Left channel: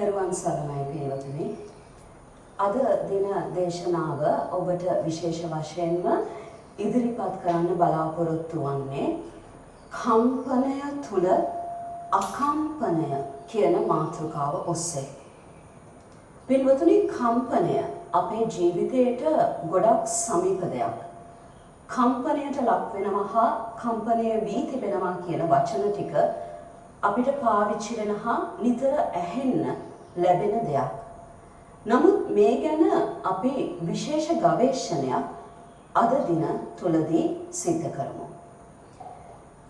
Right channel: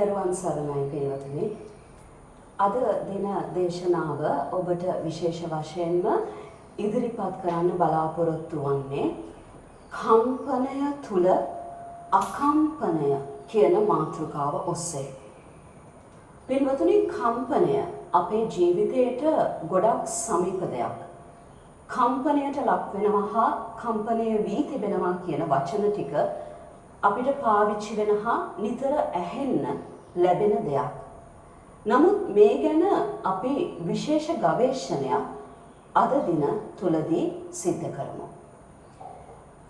තෙරුවන් සරණයි පින්වතුනි. අද දින දේශනාව ඔබට විශේෂ වශයෙන්ම ඉදිරිපත් කරන්න බලාපොරොත්තු වන්නේ කම්පනය තුල අකම්පනය කියන මාතෘකාව ඔස්සේ. පින්වතුනි, කම්පනය අපේ ජීවිතයට ගොඩක් සමීප දෙයක්. කම්පනයට ලක් වෙනවා හා කම්පනය වී තිබෙනවා කියන වචන ටික අපිට පාවිච්චි වෙන හා නිතර ඇහෙන්න ලැබෙන දෙයක්. නමුත් මේ ගැන අපි විශේෂ ගවේෂණයක් අද දින තුලදී සිද්ධ කරමු.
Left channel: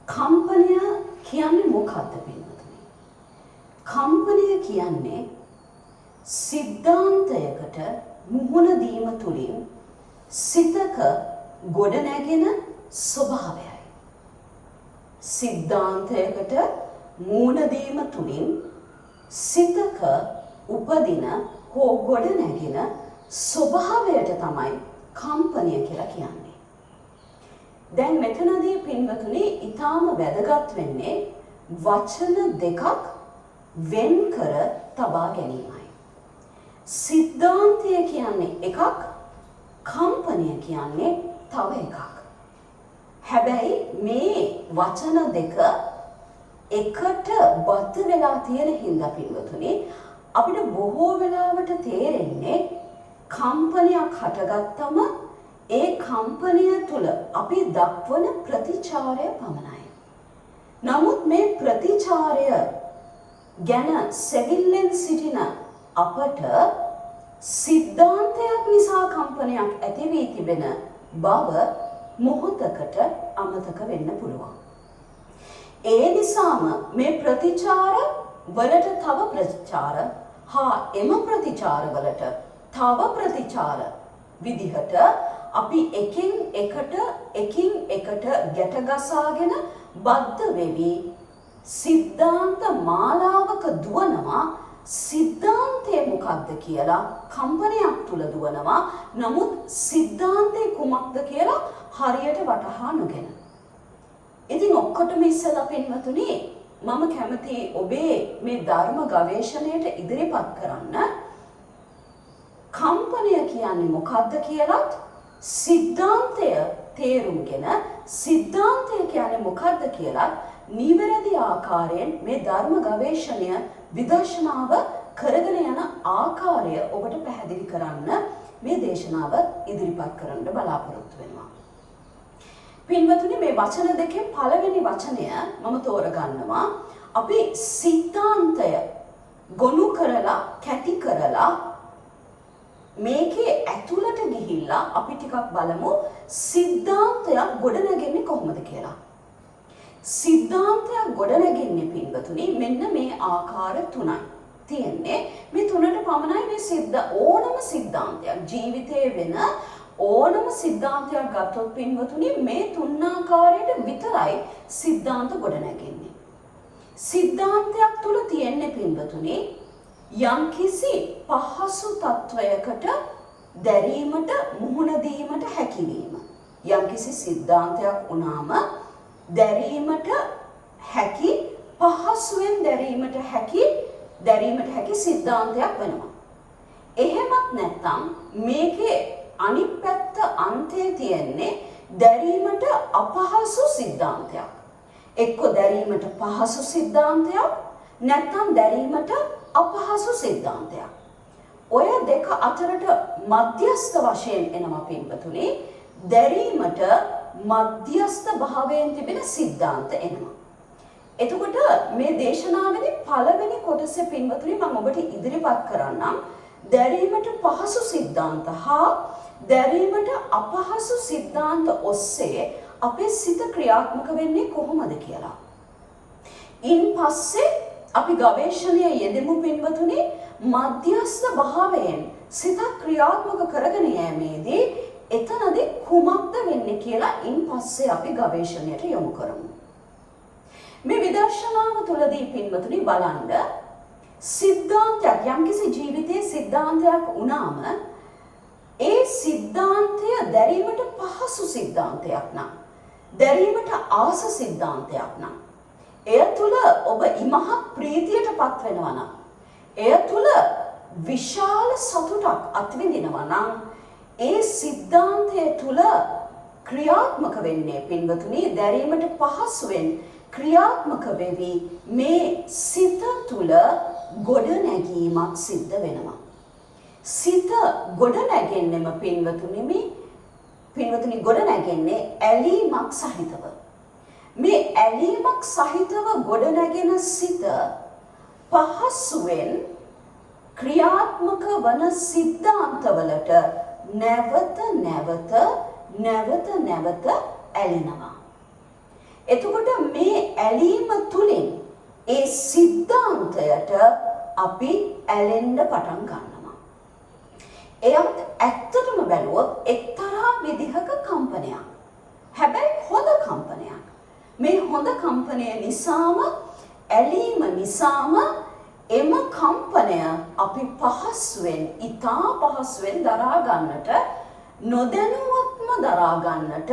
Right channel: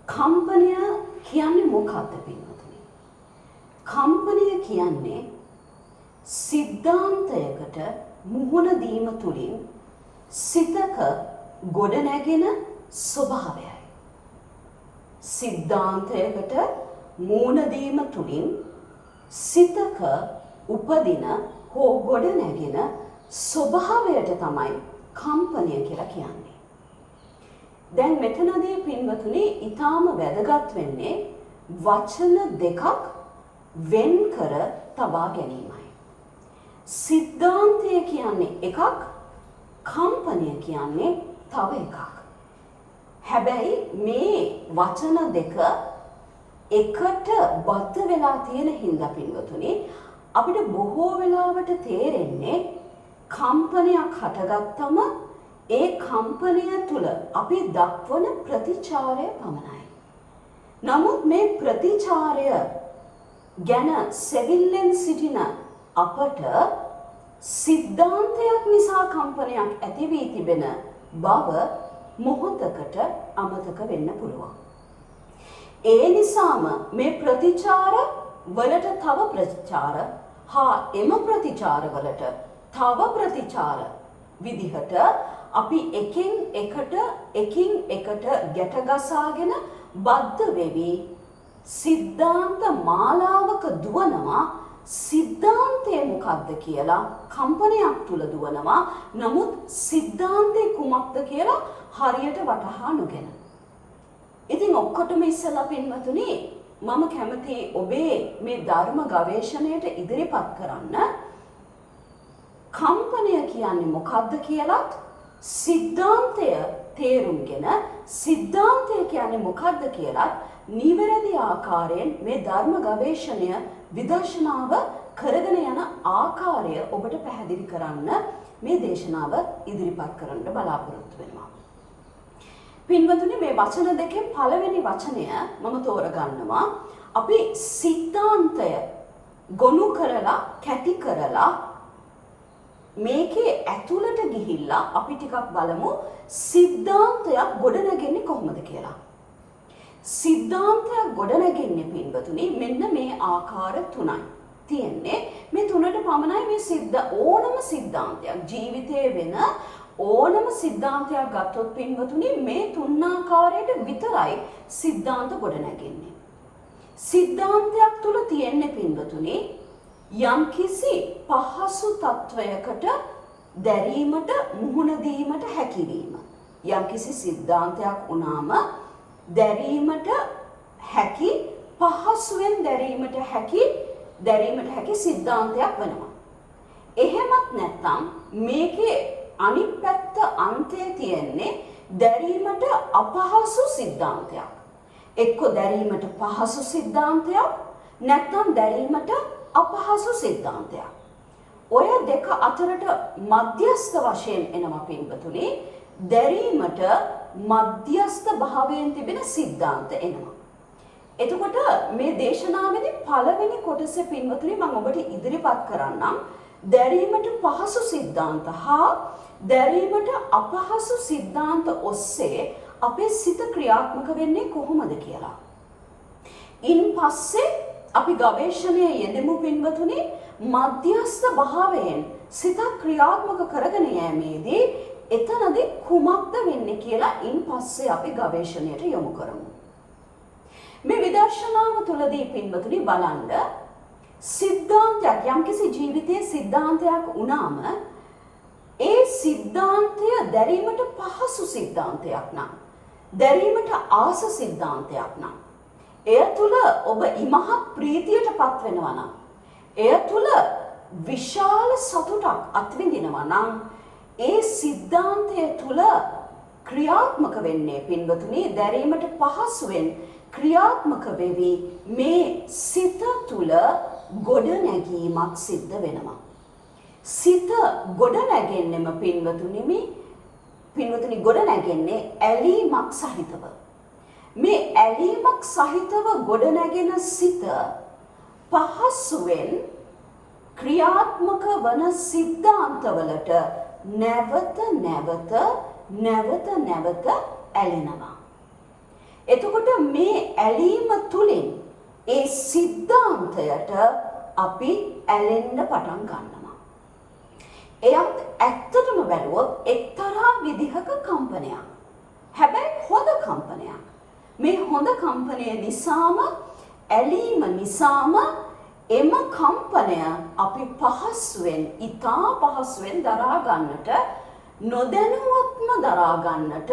කම්පනය කියන්නේ මොකක්ද පින්වතුනි? කම්පනය කියන්නේ සිද්ධාන්තයකට මුහුණ දීම තුලින් සිතක ගොඩනැගෙන ස්වභාවයයි. සිද්ධාන්තයකට මුහුණ දීම තුලින් සිතක උපදින හෝ ගොඩනැගෙන ස්වභාවයට තමයි කම්පනය කියලා කියන්නේ. දැන් මෙතනදී පින්වතුනි ඊටාම වැදගත් වෙන්නේ වචන දෙකක් වෙන් කර තබා ගැනීමයි. සිද්ධාන්තය කියන්නේ එකක්, කම්පනය කියන්නේ තව එකක්. හැබැයි මේ වචන දෙක එකට බද්ධ වෙලා තියෙන හින්දා පින්වතුනි අපිට බොහෝ වෙලාවට තේරෙන්නේ කම්පනයක් හටගත්තම ඒ කම්පනය තුළ අපි දක්වන ප්‍රතිචාරය පමණයි. නමුත් මේ ප්‍රතිචාරය ගැන සෙවිල්ලෙන් සිටින අපට සිද්ධාන්තයක් නිසා කම්පනයක් ඇති වී තිබෙන බව මොහොතකට අමතක වෙන්න පුළුවන්. ඒ නිසාම මේ ප්‍රතිචාර වලට තව ප්‍රතිචාර හා එම ප්‍රතිචාර වලට තව ප්‍රතිචාර විදිහට අපි එකින් එකට ගැට ගසාගෙන බද්ධ වෙවි සිද්ධාන්ත මාලාවක දුවනවා. සිද්ධාන්තය මොකක්ද කියලා කම්පනයක් තුල දුවනවා. නමුත් සිද්ධාන්තය කුමක්ද කියලා හරියට වටහා නොගෙන. ඉතින් ඔක්කොටම ඉස්සෙල්ලා පින්වතුනි මම කැමති ඔබේ මේ ධර්ම ගවේෂණයට ඉදිරිපත් කරන්න කම්පනය කියන්නේ මොකක්ද කියලාත් සිද්ධාන්තය තේරුම්ගෙන සිද්ධාන්තය කියන්නේ මොකක්ද කියලා නිවැරදි ආකාරයෙන් මේ ධර්ම ගවේෂණය විදර්ශනාව කරගෙන යන ආකාරය ඔබට පැහැදිලි කරන්න මේ දේශනාව ඉදිරිපත් කරන්න බලාපොරොත්තු වෙනවා. පින්වතුනි, මේ වචන දෙකෙන් පළවෙනි වචනය මම තෝරගන්නවා. අපි සිද්ධාන්තය ගොනු කරලා කැටි කරලා මේකේ ඇතුළට ගිහිල්ලා අපි ටිකක් බලමු සිද්ධාන්තයක් ගොඩනගන්නේ කොහොමද කියලා. සිද්ධාන්තයක් ගොඩනගන්නේ පින්වතුනි මෙන්න මේ ආකාර තුනයි තියෙන්නේ. මේ තුනට පමණයි මේ ඕනම සිද්ධාන්තයක් ජීවිතයේ වෙන ඕනම සිද්ධාන්තයක් ගත්තොත් පින්වතුනි මේ තුන් ආකාරයට විතරයි සිද්ධාන්ත ගොඩනගන්නේ. සිද්ධාන්තයක් තුල තියෙන්නේ පින්වතුනි යම්කිසි පහසු තත්වයකට දැරීමට මුහුණ දීමට හැකියවීම. යම්කිසි සිද්ධාන්තයක් වුණාම දැරීමට හැකි පහසුවෙන් දැරීමට හැකි සිද්ධාන්තයක් වෙනවා. එහෙමත් නැත්නම් මේකේ අනිත් පැත්ත අන්තයේ තියෙන්නේ දැරීමට අපහසු සිද්ධාන්තයක්. එක්ක දැරීමට පහසු සිද්ධාන්තයක් නැත්නම් දැරීමට අපහසු සිද්ධාන්තයක්. ඔය දෙක අතරට මධ්‍යස්ථ වශයෙන් එනවා පින්වතුනි දැරීමට මධ්‍යස්ථ භාවයෙන් තිබෙන සිද්ධාන්ත එනවා. එතකොට මේ දේශනාවේදී පළවෙනි කොටසේ පින්වතුනි මම ඔබට ඉදිරිපත් කරන්නම් දැරීමට පහසු සිද්ධාන්ත හා දැරීමට අපහසු සිද්ධාන්ත ඔස්සේ අපේ සිත ක්‍රියාත්මක වෙන්නේ කොහොමද කියලා. ඉන් පස්සේ අපි ගවේෂණයේ යෙදෙමු පින්වතුනි මධ්‍යස්ථ භාවයෙන් සිත ක්‍රියාත්මක කරගෙන යෑමේදී එතනදී කුමක්ද වෙන්නේ කියලා ඉන් පස්සේ අපි ගවේෂණයට යොමු කරමු. මේ විදර්ශනාව තුළදී පින්වතුනි බලන්න සිද්ධාන්තයක් යම්කිසි ජීවිතයේ සිද්ධාන්තයක් වුණාම ඒ සිද්ධාන්තය දැරීමට පහසු සිද්ධාන්තයක් නම් දැරීමට ආස සිද්ධාන්තයක් නම් එය තුළ ඔබ ඉමහත් ප්‍රීතියට පත් වෙනවා නම් එය තුල විශාල සතුටක් අත්විඳිනවා නම් ඒ සිද්ධාන්තය තුල ක්‍රියාත්මක වෙන්නේ පින්වතුනි දැරීමට පහසුවෙන් ක්‍රියාත්මක වෙවි මේ සිත තුල ගොඩනැගීමක් සිද්ධ වෙනවා. සිත ගොඩනැගෙන්නෙම පින්වතුනි ගොඩනැගෙන්නේ ඇලීමක් සහිතව. මේ ඇලීමක් සහිතව ගොඩනැගෙන සිත පහසුවෙන් ක්‍රියාත්මක වන සිද්ධාන්තවලට නැවත ඇලෙනවා. එතකොට මේ ඇලීම තුලින් ඒ සිද්ධාන්තයට අපි ඇලෙන්න පටන් ගන්නවා. එයත් ඇත්තටම බැලුවොත් එක්තරා විදිහක කම්පනයක්. හැබැයි හොඳ කම්පනයක්. මේ හොඳ කම්පනය නිසාම ඇලීම නිසාම එම කම්පනය අපි ඉතා පහසුවෙන් දරා ගන්නට නොදැනුවත්ම දරා ගන්නට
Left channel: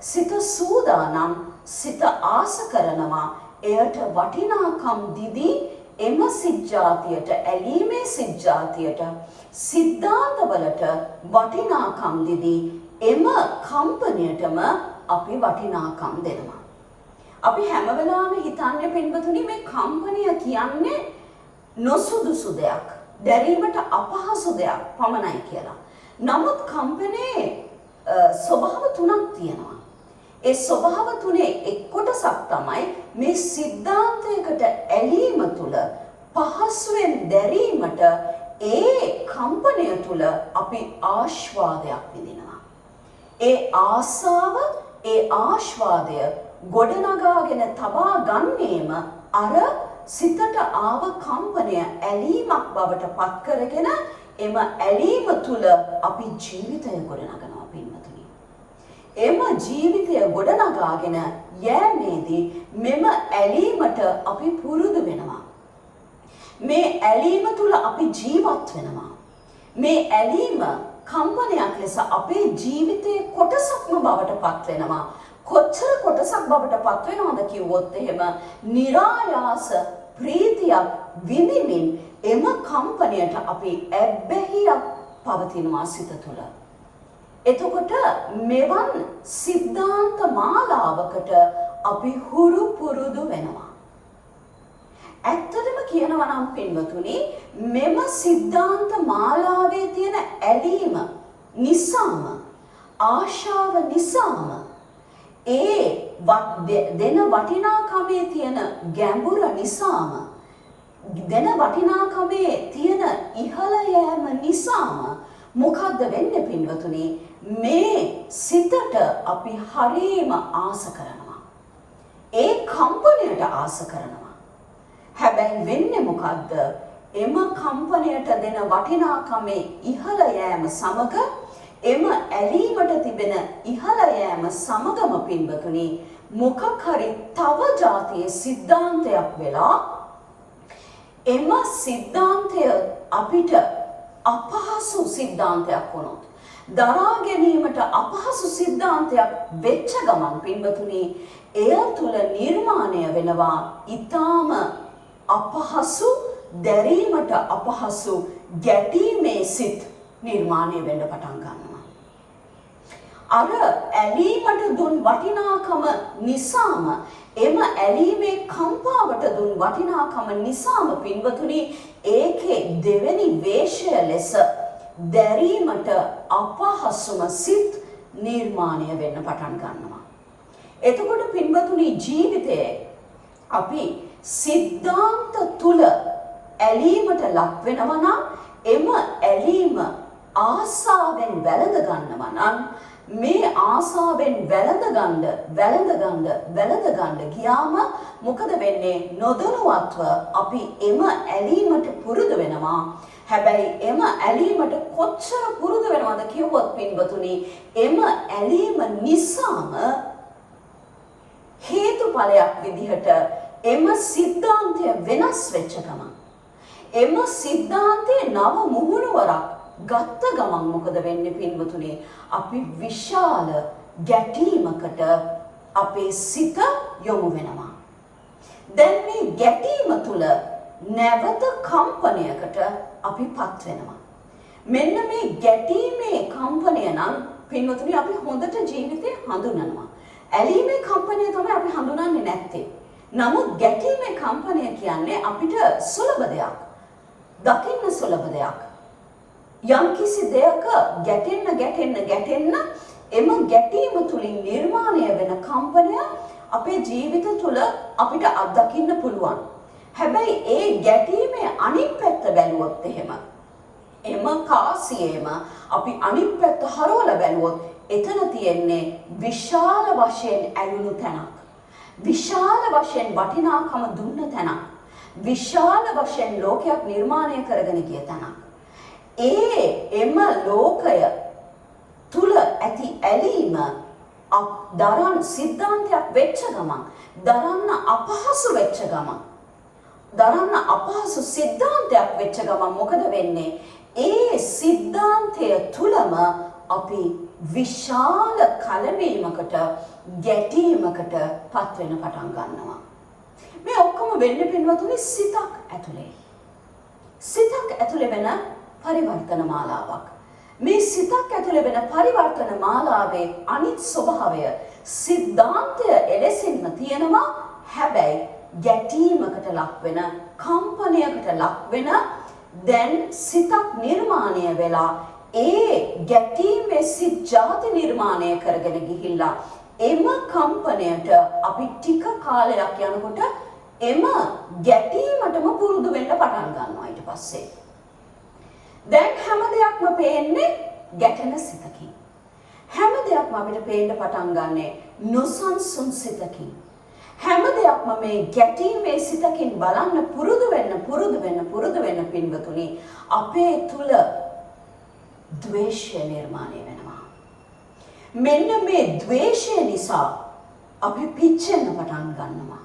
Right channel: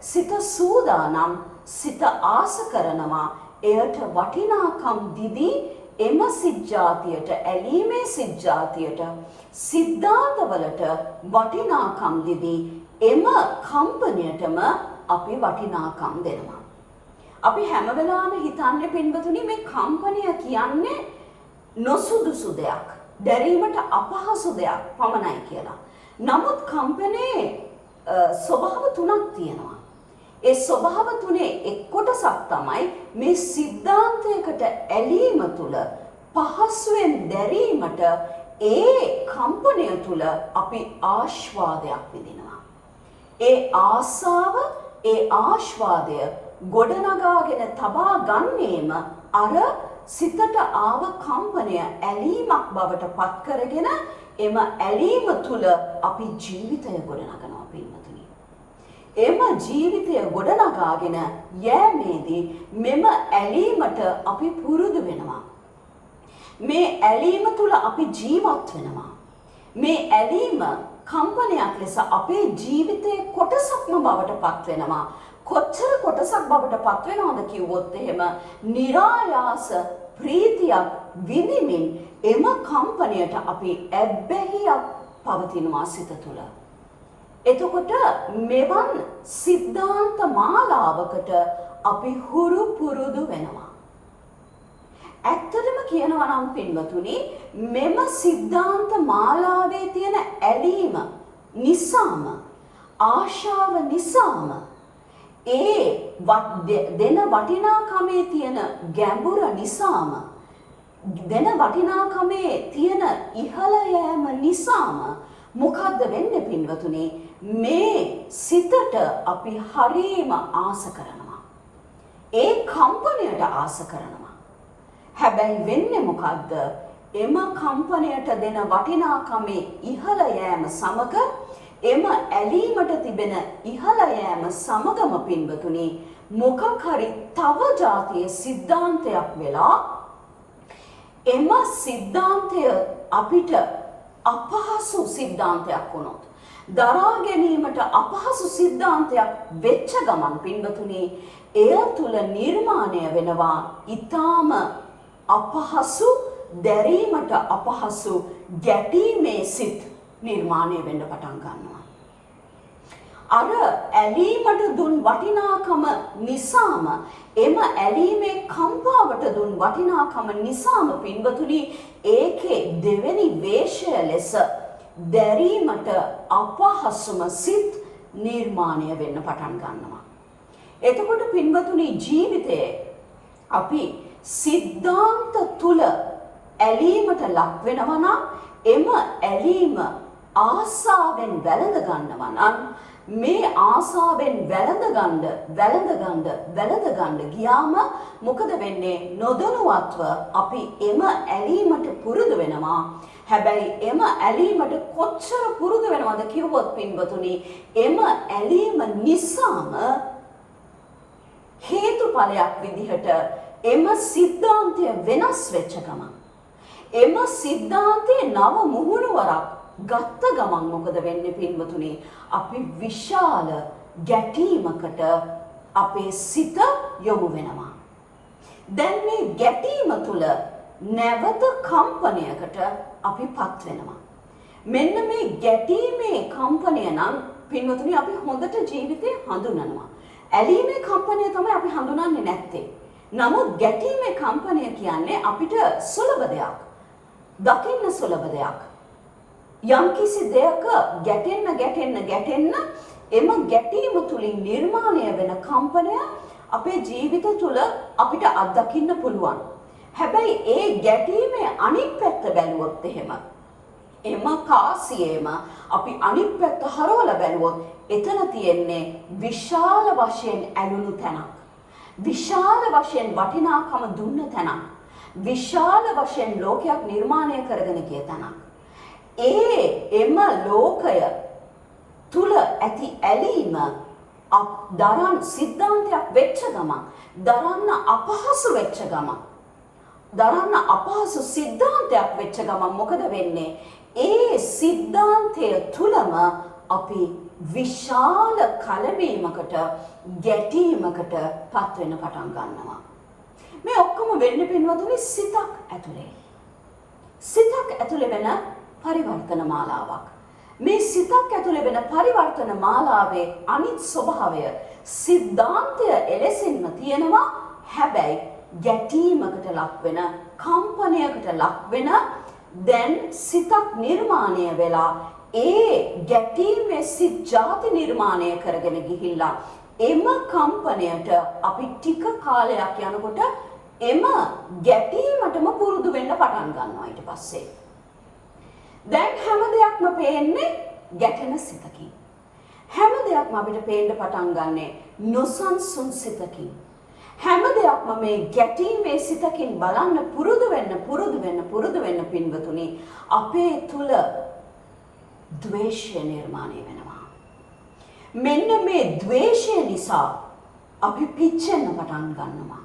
සිත සූදානම් සිත ආස කරනවා එයට වටිනාකම් දිදී එම සිද්ධාතියට ඇලීමේ සිද්ධාතියට සිද්ධාන්තවලට වටිනාකම් දිදී එම කම්පනයටම අපි වටිනාකම් දෙනවා. අපි හැම වෙලාවෙම හිතන්නේ පින්වතුනි මේ කම්පනය කියන්නේ නොසුදුසු දෙයක්, දැරීමට අපහසු දෙයක් පමණයි කියලා. නමුත් කම්පනයේ ස්වභාව තුනක් තියෙනවා. ඒ ස්වභාව තුනේ එක් කොටසක් තමයි මේ සිද්ධාන්තයකට ඇලීම තුල පහසුවෙන් දැරීමට ඒ කම්පනය තුල අපි ආස්වාදයක් විඳිනවා. ඒ ආසාව, ඒ ආස්වාදය ගොඩනගාගෙන තබා ගන්නේම අර සිතට ආව කම්පනය ඇලීමක් බවට පත් කරගෙන එම ඇලීම තුල අපි ජීවිතය ගොඩනගනවා පින්වතුනි. එම ජීවිතය ගොඩනගාගෙන යෑමේදී මෙම ඇලීමට අපි පුරුදු වෙනවා. මේ ඇලීම තුල අපි ජීවත් වෙනවා. මේ ඇලීම කම්පනයක් ලෙස අපේ ජීවිතයේ කොටසක්ම බවට පත් වෙනවා. කොච්චර කොටසක් බවට පත් වෙනවද කිව්වොත් එහෙම નિરાයාස ප්‍රීතියක් විඳින්මින් එම කම්පනයට අපි ඇබ්බැහියක් පවතිනවා සිත තුළ. එතකොට මෙවන් සිද්ධාන්ත මාලාවකට අපි හුරු පුරුදු වෙනවා. ඇත්තටම කියනවා නම් පින්වතුනි මෙම සිද්ධාන්ත මාලාවේ තියෙන ඇලීම නිසාම ආශාව නිසාම ඒ දෙන වටිනාකමේ තියෙන ගැඹුර නිසාම දෙන වටිනාකමේ තියෙන ඉහළ යෑම නිසාම මොකද්ද වෙන්නේ පින්වතුනි මේ සිතට අපි හරීම ආස කරනවා. ඒ කම්පනයට ආස කරනවා. හැබැයි වෙන්නේ මොකද්ද? එම කම්පනයට දෙන වටිනාකමේ ඉහළ යෑම සමග එම ඇලීමට තිබෙන ඉහළ යෑම සමගම පින්වතුනි මොකක් හරි තව જાතියේ සිද්ධාන්තයක් වෙලා එම සිද්ධාන්තය අපිට අපහසු සිද්ධාන්තයක් වුණොත් දරා ගැනීමට අපහසු සිද්ධාන්තයක් වෙච්ච ගමන් පින්වතුනි එය තුල නිර්මාණය වෙනවා ඊටාම අපහසු දැරීමට අපහසු ගැටීමේ සිත් නිර්මාණය වෙන්න පටන් ගන්නවා. අර ඇලීමට දුන් වටිනාකම නිසාම එම ඇලීමේ කම්පාවට දුන් වටිනාකම නිසාම පින්වතුනි ඒකේ දෙවෙනි වේශය ලෙස දැරීමට අපහසුම සිත් නිර්මාණය වෙන්න පටන් ගන්නවා. එතකොට පින්වතුනි ජීවිතයේ අපි සිද්ධාන්ත තුල ඇලීමට ලක් වෙනවා නම් එම ඇලීම ආසාවෙන් වැළඳ ගන්නවා නම් මේ ආසාවෙන් වැළඳ ගියාම මොකද වෙන්නේ? නොදැනුවත්ව අපි එම ඇලීමට පුරුදු වෙනවා. හැබැයි එම ඇලීමට කොච්චර පුරුදු වෙනවද කිව්වොත් පින්වතුනි එම ඇලීම නිසාම හේතුඵලයක් විදිහට එම සිද්ධාන්තය වෙනස් වෙච්ච ගමන් එම සිද්ධාන්තයේ නව මුහුණුවරක් ගත්ත ගමන් මොකද වෙන්නේ පින්වතුනි? අපි විශාල ගැටීමකට අපේ සිත යොමු වෙනවා. දැන් මේ ගැටීම තුල නැවත කම්පනයකට අපිපත් වෙනවා. මෙන්න මේ ගැටීමේ කම්පනය නම් පින්වතුනි අපි හොඳට ජීවිතේ හඳුනනවා. ඇලීමේ කම්පනය තමයි අපි හඳුනන්නේ නැත්තේ. නමුත් ගැටීමේ කම්පනය කියන්නේ අපිට සුලභ දෙයක්. දකින්න සුලභ දෙයක්. යම්කිසි දෙයක ගැටෙන්න එම ගැටීම තුලින් නිර්මාණය වෙන කම්පනය අපේ ජීවිත තුල අපිට අත්දකින්න පුළුවන්. හැබැයි ඒ ගැටීමේ අනිත් පැත්ත බැලුවොත් එහෙම එම කාසියේම අපි අනිත් පැත්ත හරවලා බැලුවොත් එතන තියෙන්නේ විශාල වශයෙන් ඇලුණු තැනක්. විශාල වශයෙන් වටිනාකම දුන්න තැනක්. විශාල වශයෙන් ලෝකයක් නිර්මාණය කරගෙන ගිය තැනක්. එම ලෝකය තුල ඇති ඇලීම දරන්න සිද්ධාන්තයක් වෙච්ච ගමන් දරන්න අපහසු වෙච්ච ගමන් දරන්න අපහසු සිද්ධාන්තයක් වෙච්ච ගමන් මොකද වෙන්නේ? ඒ සිද්ධාන්තය තුලම අපි විශාල කලබීමකට ගැටීමකට පත් වෙන පටන් ගන්නවා. මේ ඔක්කොම වෙන්නේ පින්වතුනි සිතක් ඇතුලේ. සිතක් ඇතුලේ වෙන පරිවර්තන මාලාවක්. මේ සිතක් ඇතුලේ වෙන පරිවර්තන මාලාවේ අනිත් ස්වභාවය සිද්ධාන්තය එලෙසින්ම තියෙනවා. හැබැයි ගැටීමකට ලක් වෙන කම්පනයකට ලක් වෙන දැන් සිතක් නිර්මාණය වෙලා ඒ ගැටීමේ සිත් ජාති නිර්මාණය කරගෙන ගිහිල්ලා එම කම්පනයට අපි ටික කාලයක් යනකොට එම ගැටීමටම පුරුදු වෙන්න පටන් ගන්නවා. ඊට පස්සේ දැන් හැම දෙයක්ම පේන්නේ ගැටෙන සිතකින්. හැම දෙයක්ම අපිට පේන්න පටන් ගන්නේ නොසන්සුන් සිතකින්. හැම දෙයක්ම මේ ගැටීමේ සිතකින් බලන්න පුරුදු වෙන්න පින්වතුනි අපේ තුල ද්වේෂය නිර්මාණය වෙනවා. මෙන්න මේ ද්වේෂය නිසා අපි පිච්චෙන්න පටන් ගන්නවා.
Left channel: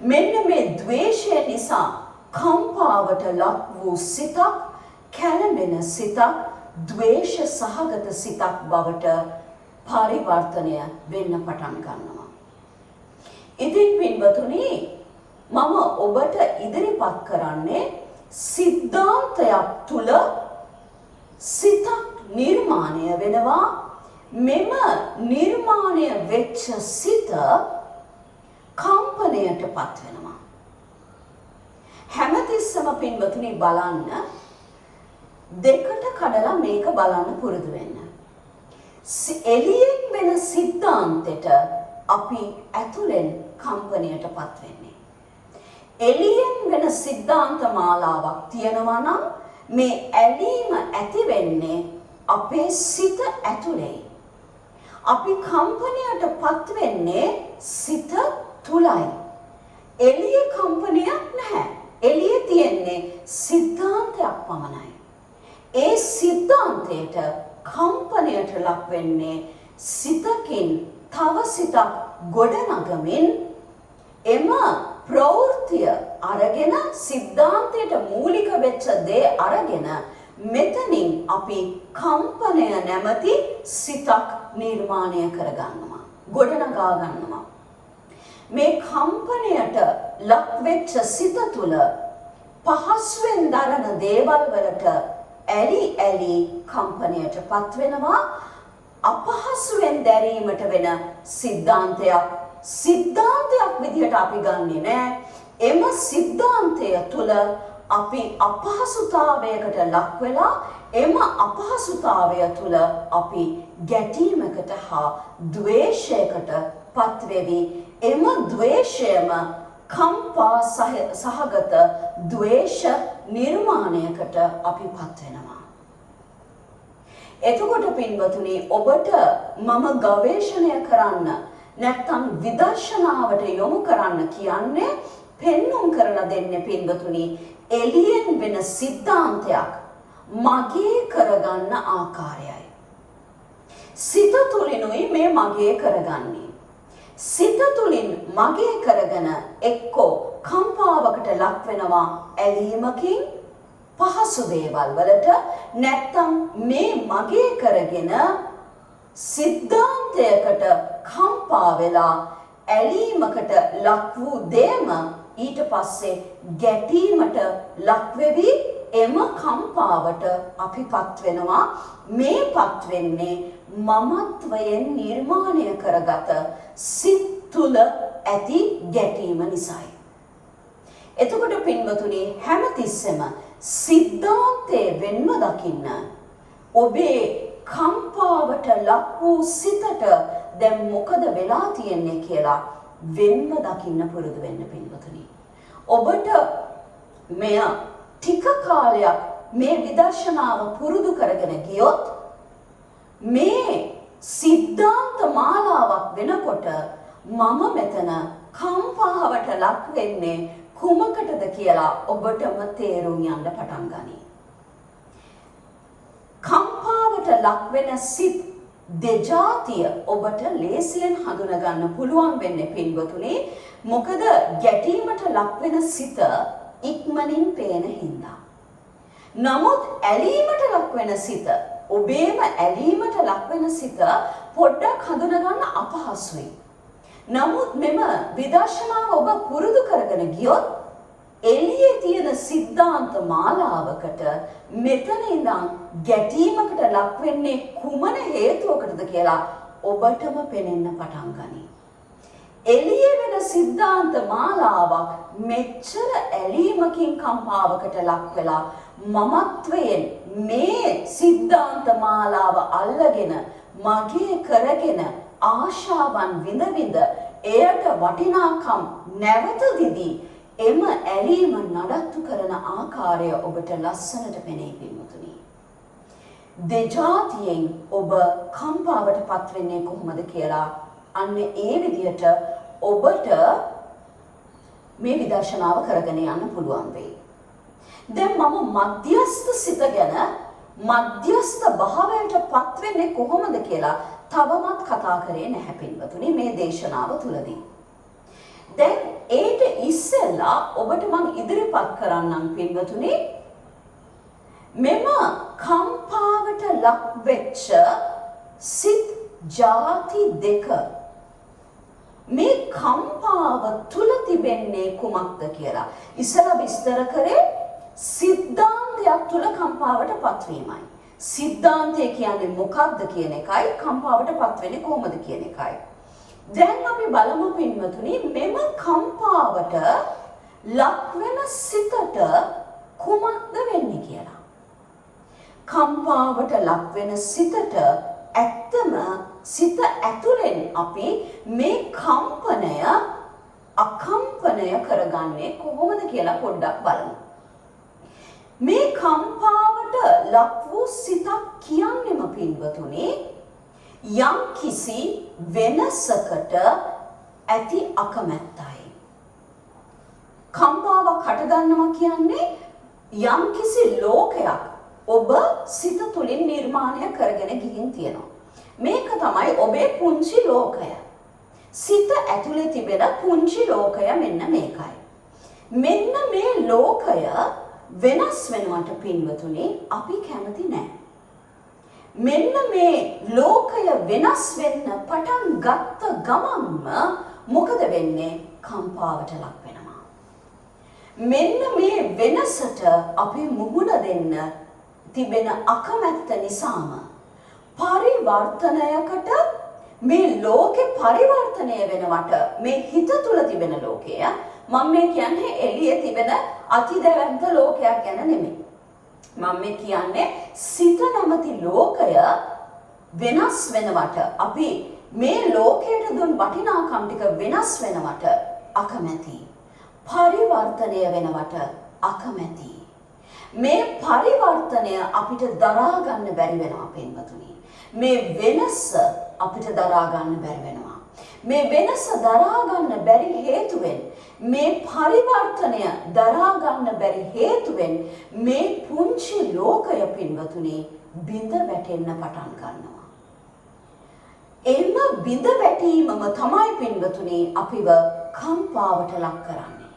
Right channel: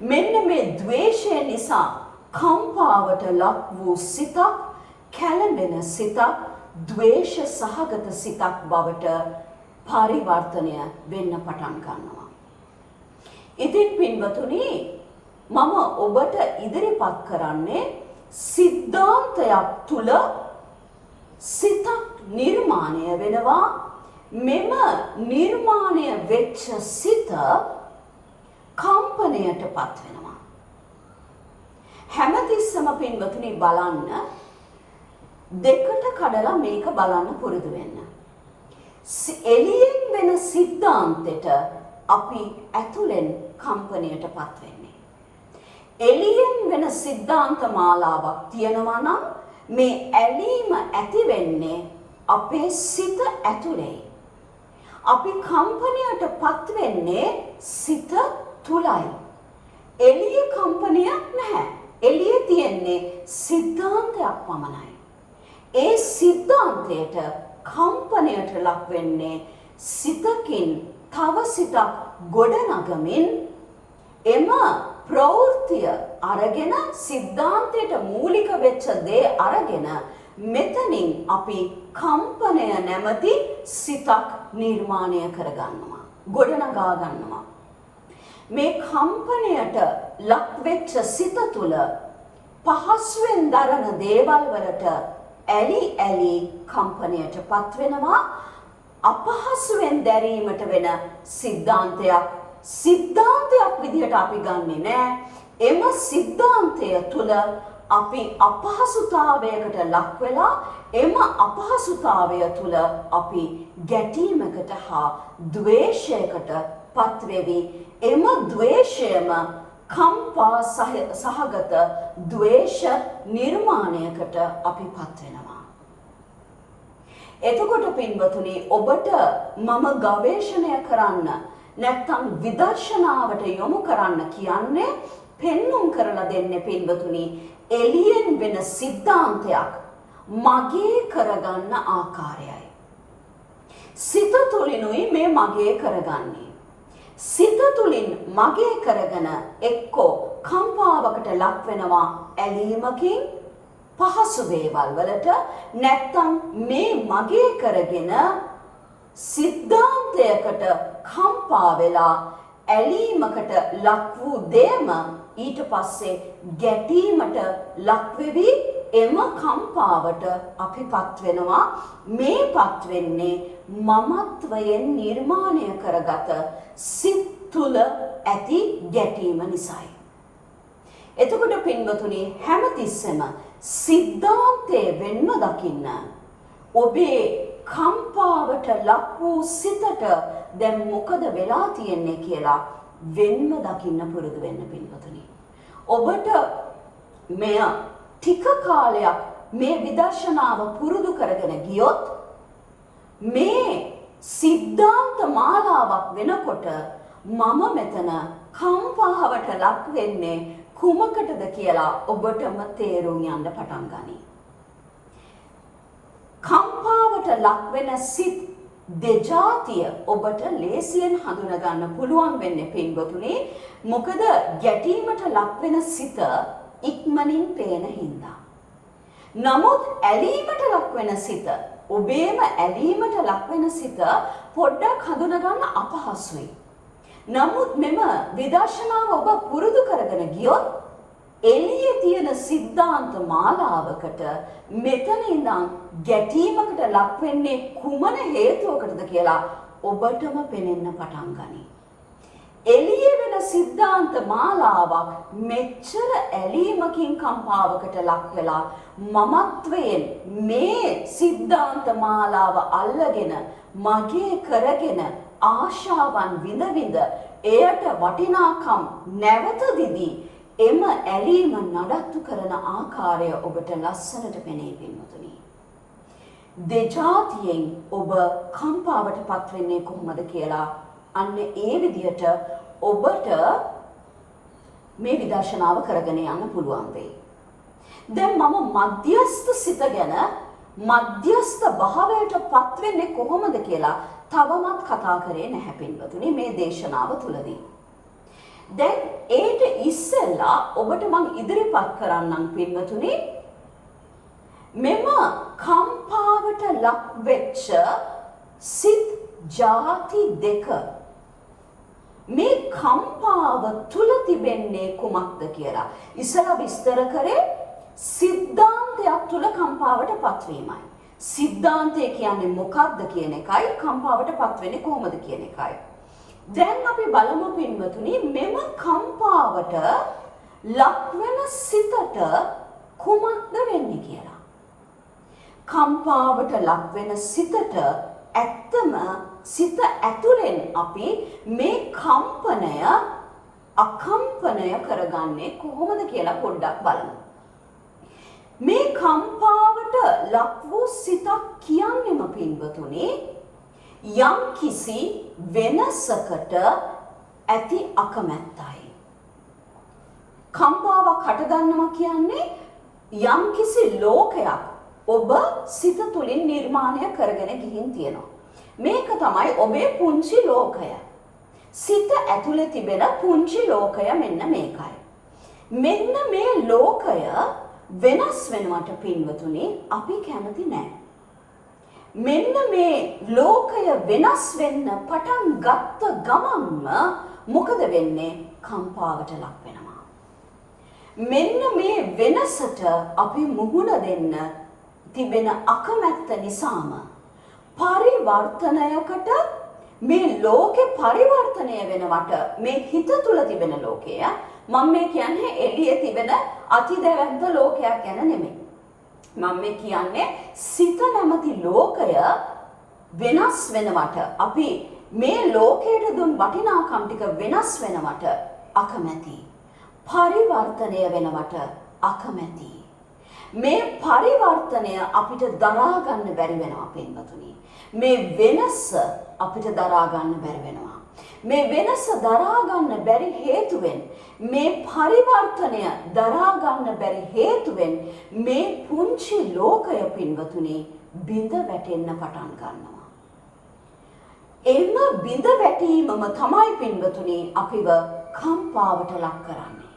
මෙන්න මේ ද්වේෂය නිසා කම්පාවට ලක් වූ සිතක් කැළඹෙන සිතක් ද්වේෂ සහගත සිතක් බවට පරිවර්තනය වෙන්න පටන් ගන්නවා. ඉතින් පින්වතුනි මම ඔබට ඉදිරිපත් කරන්නේ සිද්ධාන්තයක් තුල සිතක් නිර්මාණය වෙනවා. මෙම නිර්මාණය වෙච්ච සිත කම්පනයටපත් වෙනවා. හැමතිස්සම පින්වතුනි බලන්න දෙකට කඩලා මේක බලන්න පුරුදු වෙන්න. එළියෙන් වෙන සිද්ධාන්තෙට අපි ඇතුලෙන් කම්පනයටපත් වෙන්නේ. එළියෙන් වෙන සිද්ධාන්ත මාලාවක් තියෙනවා නම් මේ ඇලීම ඇති වෙන්නේ අපේ සිත ඇතුලේ. අපි කම්පනයටපත් වෙන්නේ සිත තුලයි. එළිය කම්පනයක් නැහැ. එළියේ තියෙන්නේ සිද්ධාන්තයක් පමණයි. ඒ සිද්ධාන්තයට කම්පනයට ලක් වෙන්නේ සිතකින් තව සිතක් ගොඩනගමින් එම ප්‍රවෘත්තිය අරගෙන සිද්ධාන්තයට මූලික වෙච්ච දේ අරගෙන මෙතනින් අපි කම්පනය නැමැති සිතක් නිර්මාණය කරගන්නවා. ගොඩනගා ගන්නවා. මේ කම්පනයට ලක් වෙච්ච සිත තුළ පහසුවෙන් දරන දේවල් වලට ඇලි කම්පනයටපත් වෙනවා. අපහසුවෙන් දැරීමට වෙන සිද්ධාන්තයක් විදිහට අපි ගන්නෙ නෑ. එම සිද්ධාන්තය තුළ අපි අපහසුතාවයකට ලක් වෙලා එම අපහසුතාවය තුළ අපි ගැටීමකට හා ද්වේෂයකට පත්වෙවි. එම ද්වේෂයම කම්පා සහගත ද්වේෂ නිර්මාණයකට අපි පත් වෙනවා. එතකොට පින්වතුනි ඔබට මම ගවේෂණය කරන්න නැත්නම් විදර්ශනාවට යොමු කරන්න කියන්නේ පෙන්눔 කරලා දෙන්නේ පින්වතුනි එළියෙන් වෙන සිද්ධාන්තයක් මගේ කරගන්න ආකාරයයි. සිත තුලිනුයි මේ මගේ කරගන්නේ. සිත තුලින් මගේ කරගෙන එක්කෝ කම්පාවකට ලක් වෙනවා ඇලීමකින් පහසු දේවල් වලට නැත්නම් මේ මගේ කරගෙන සිද්ධාන්තයකට කම්පා වෙලා ඇලීමකට ලක් වූ දෙයම ඊට පස්සේ ගැටීමට ලක් වෙවි එම කම්පාවට අපිපත් වෙනවා. මේපත් වෙන්නේ මමත්වයෙන් නිර්මාණය කරගත සිත් තුළ ඇති ගැටීම නිසායි. එතකොට පින්වතුනි හැමතිස්සෙම සිද්ධාන්තයේ වෙන්ම දකින්න ඔබේ කම්පාවට ලක් වූ සිතට දැන් මොකද වෙලා තියෙන්නේ කියලා වෙන්ම දකින්න පුරුදු වෙන්න පින්වතුනි. ඔබට මෙය ටික කාලයක් මේ විදර්ශනාව පුරුදු කරගෙන ගියොත් මේ සිද්ධාන්ත මාලාවක් වෙනකොට මම මෙතන කම්පාවට ලක් වෙන්නේ කුමකටද කියලා ඔබටම තේරුම් යන්න පටන් ගනී. කම්පාවට ලක් වෙන සිත් දෙජාතිය ඔබට ලේසියෙන් හඳුන ගන්න පුළුවන් වෙන්නේ පින්වතුනි. මොකද ගැටීමට ලක් වෙන සිත ඉක්මනින් පේන හින්දා. නමුත් ඇලීමට ලක් වෙන සිත, ඔබේම ඇලීමට ලක් වෙන සිත පොඩ්ඩක් හඳුන ගන්න අපහසුයි. නමුත් මෙම විදර්ශනාව ඔබ පුරුදු කරගෙන ගියොත් එළියේ තියෙන සිද්ධාන්ත මාලාවකට මෙතන ඉඳන් ගැටීමකට ලක් වෙන්නේ කුමන හේතුවකටද කියලා ඔබටම පෙනෙන්න පටන් ගනී. එළියේ වෙන සිද්ධාන්ත මාලාවක් මෙච්චර ඇලීමකින් කම්පාවකට ලක් වෙලා මමත්වයෙන් මේ සිද්ධාන්ත මාලාව අල්ලගෙන මගේ කරගෙන ආශාවන් විඳ විඳ එයට වටිනාකම් නැවත දිදී එම ඇලීම නඩත්තු කරන ආකාරය ඔබට ලස්සනට පෙනේ පින්වතුනි. දෙජාතියෙන් ඔබ කම්පාවට පත් වෙන්නේ කොහොමද කියලා අන්න ඒ විදිහට ඔබට මේ විදර්ශනාව කරගෙන යන්න පුළුවන් වෙයි. දැන් මම මධ්‍යස්ථ සිත ගැන මධ්‍යස්ථ භාවයට පත් වෙන්නේ කොහොමද කියලා තවමත් කතා කරේ නැහැ පින්වතුනි මේ දේශනාව තුලදී. දැන් ඒට ඉස්සෙල්ලා ඔබට මම ඉදිරිපත් කරන්නම් පින්වතුනි මෙම කම්පාවට ලක් වෙච්ච සිත් ಜಾති දෙක මේ කම්පාව තුල තිබෙන්නේ කුමක්ද කියලා. ඉස්සෙල්ලා විස්තර කරේ සිද්ධාන්තයක් තුල කම්පාවට පත්වීමයි. සිද්ධාන්තය කියන්නේ මොකක්ද කියන එකයි කම්පාවට පත් වෙන්නේ කොහොමද කියන එකයි. දැන් අපි බලමු පින්වතුනි මෙම කම්පාවට ලක් වෙන සිතට කුමක්ද වෙන්නේ කියලා. කම්පාවට ලක් වෙන සිතට ඇත්තම සිත ඇතුලෙන් අපි මේ කම්පනය අකම්පනය කරගන්නේ කොහොමද කියලා පොඩ්ඩක් බලමු. මේ කම්පාවට ලක් වූ සිතක් කියන්නේම පින්වතුනි යම් කිසි වෙනසකට ඇති අකමැත්තයි. කම්පාවක් හටගන්නවා කියන්නේ යම් කිසි ලෝකයක් ඔබ සිත තුළින් නිර්මාණය කරගෙන ගිහින් තියෙනවා. මේක තමයි ඔබේ පුංචි ලෝකය. සිත ඇතුලේ තිබෙන පුංචි ලෝකය මෙන්න මේකයි. මෙන්න මේ ලෝකය වෙනස් වෙනවට පින්වතුනි අපි කැමති නැහැ. මෙන්න මේ ලෝකය වෙනස් වෙන්න පටන් ගත්ත ගමන්ම මොකද වෙන්නේ? කම්පාවට ලක් වෙනවා. මෙන්න මේ වෙනසට අපි මුහුණ දෙන්න තිබෙන අකමැත්ත නිසාම පරිවර්තනයකට මේ ලෝකේ පරිවර්තනය වෙනවට මේ හිත තුල තිබෙන ලෝකය මම මේ කියන්නේ එළියේ තිබෙන අතිදැවැන්ත ලෝකයක් ගැන නෙමෙයි. මම මේ කියන්නේ සිත නැමැති ලෝකය වෙනස් වෙනවට අපි මේ ලෝකයට දුන් වටිනාකම් ටික වෙනස් වෙනවට අකමැති. පරිවර්තනය වෙනවට අකමැති. මේ පරිවර්තනය අපිට දරා ගන්න බැරි වෙනවා පින්වතුනි. මේ වෙනස අපිට දරා ගන්න බැරි වෙනවා. මේ වෙනස දරා ගන්න බැරි හේතුවෙන් මේ පරිවර්තනය දරා ගන්න බැරි හේතුවෙන් මේ පුංචි ලෝකය පින්වතුනි බිඳ වැටෙන්න පටන් ගන්නවා. එම බිඳ වැටීමම තමයි පින්වතුනි අපිව කම්පාවට ලක් කරන්නේ.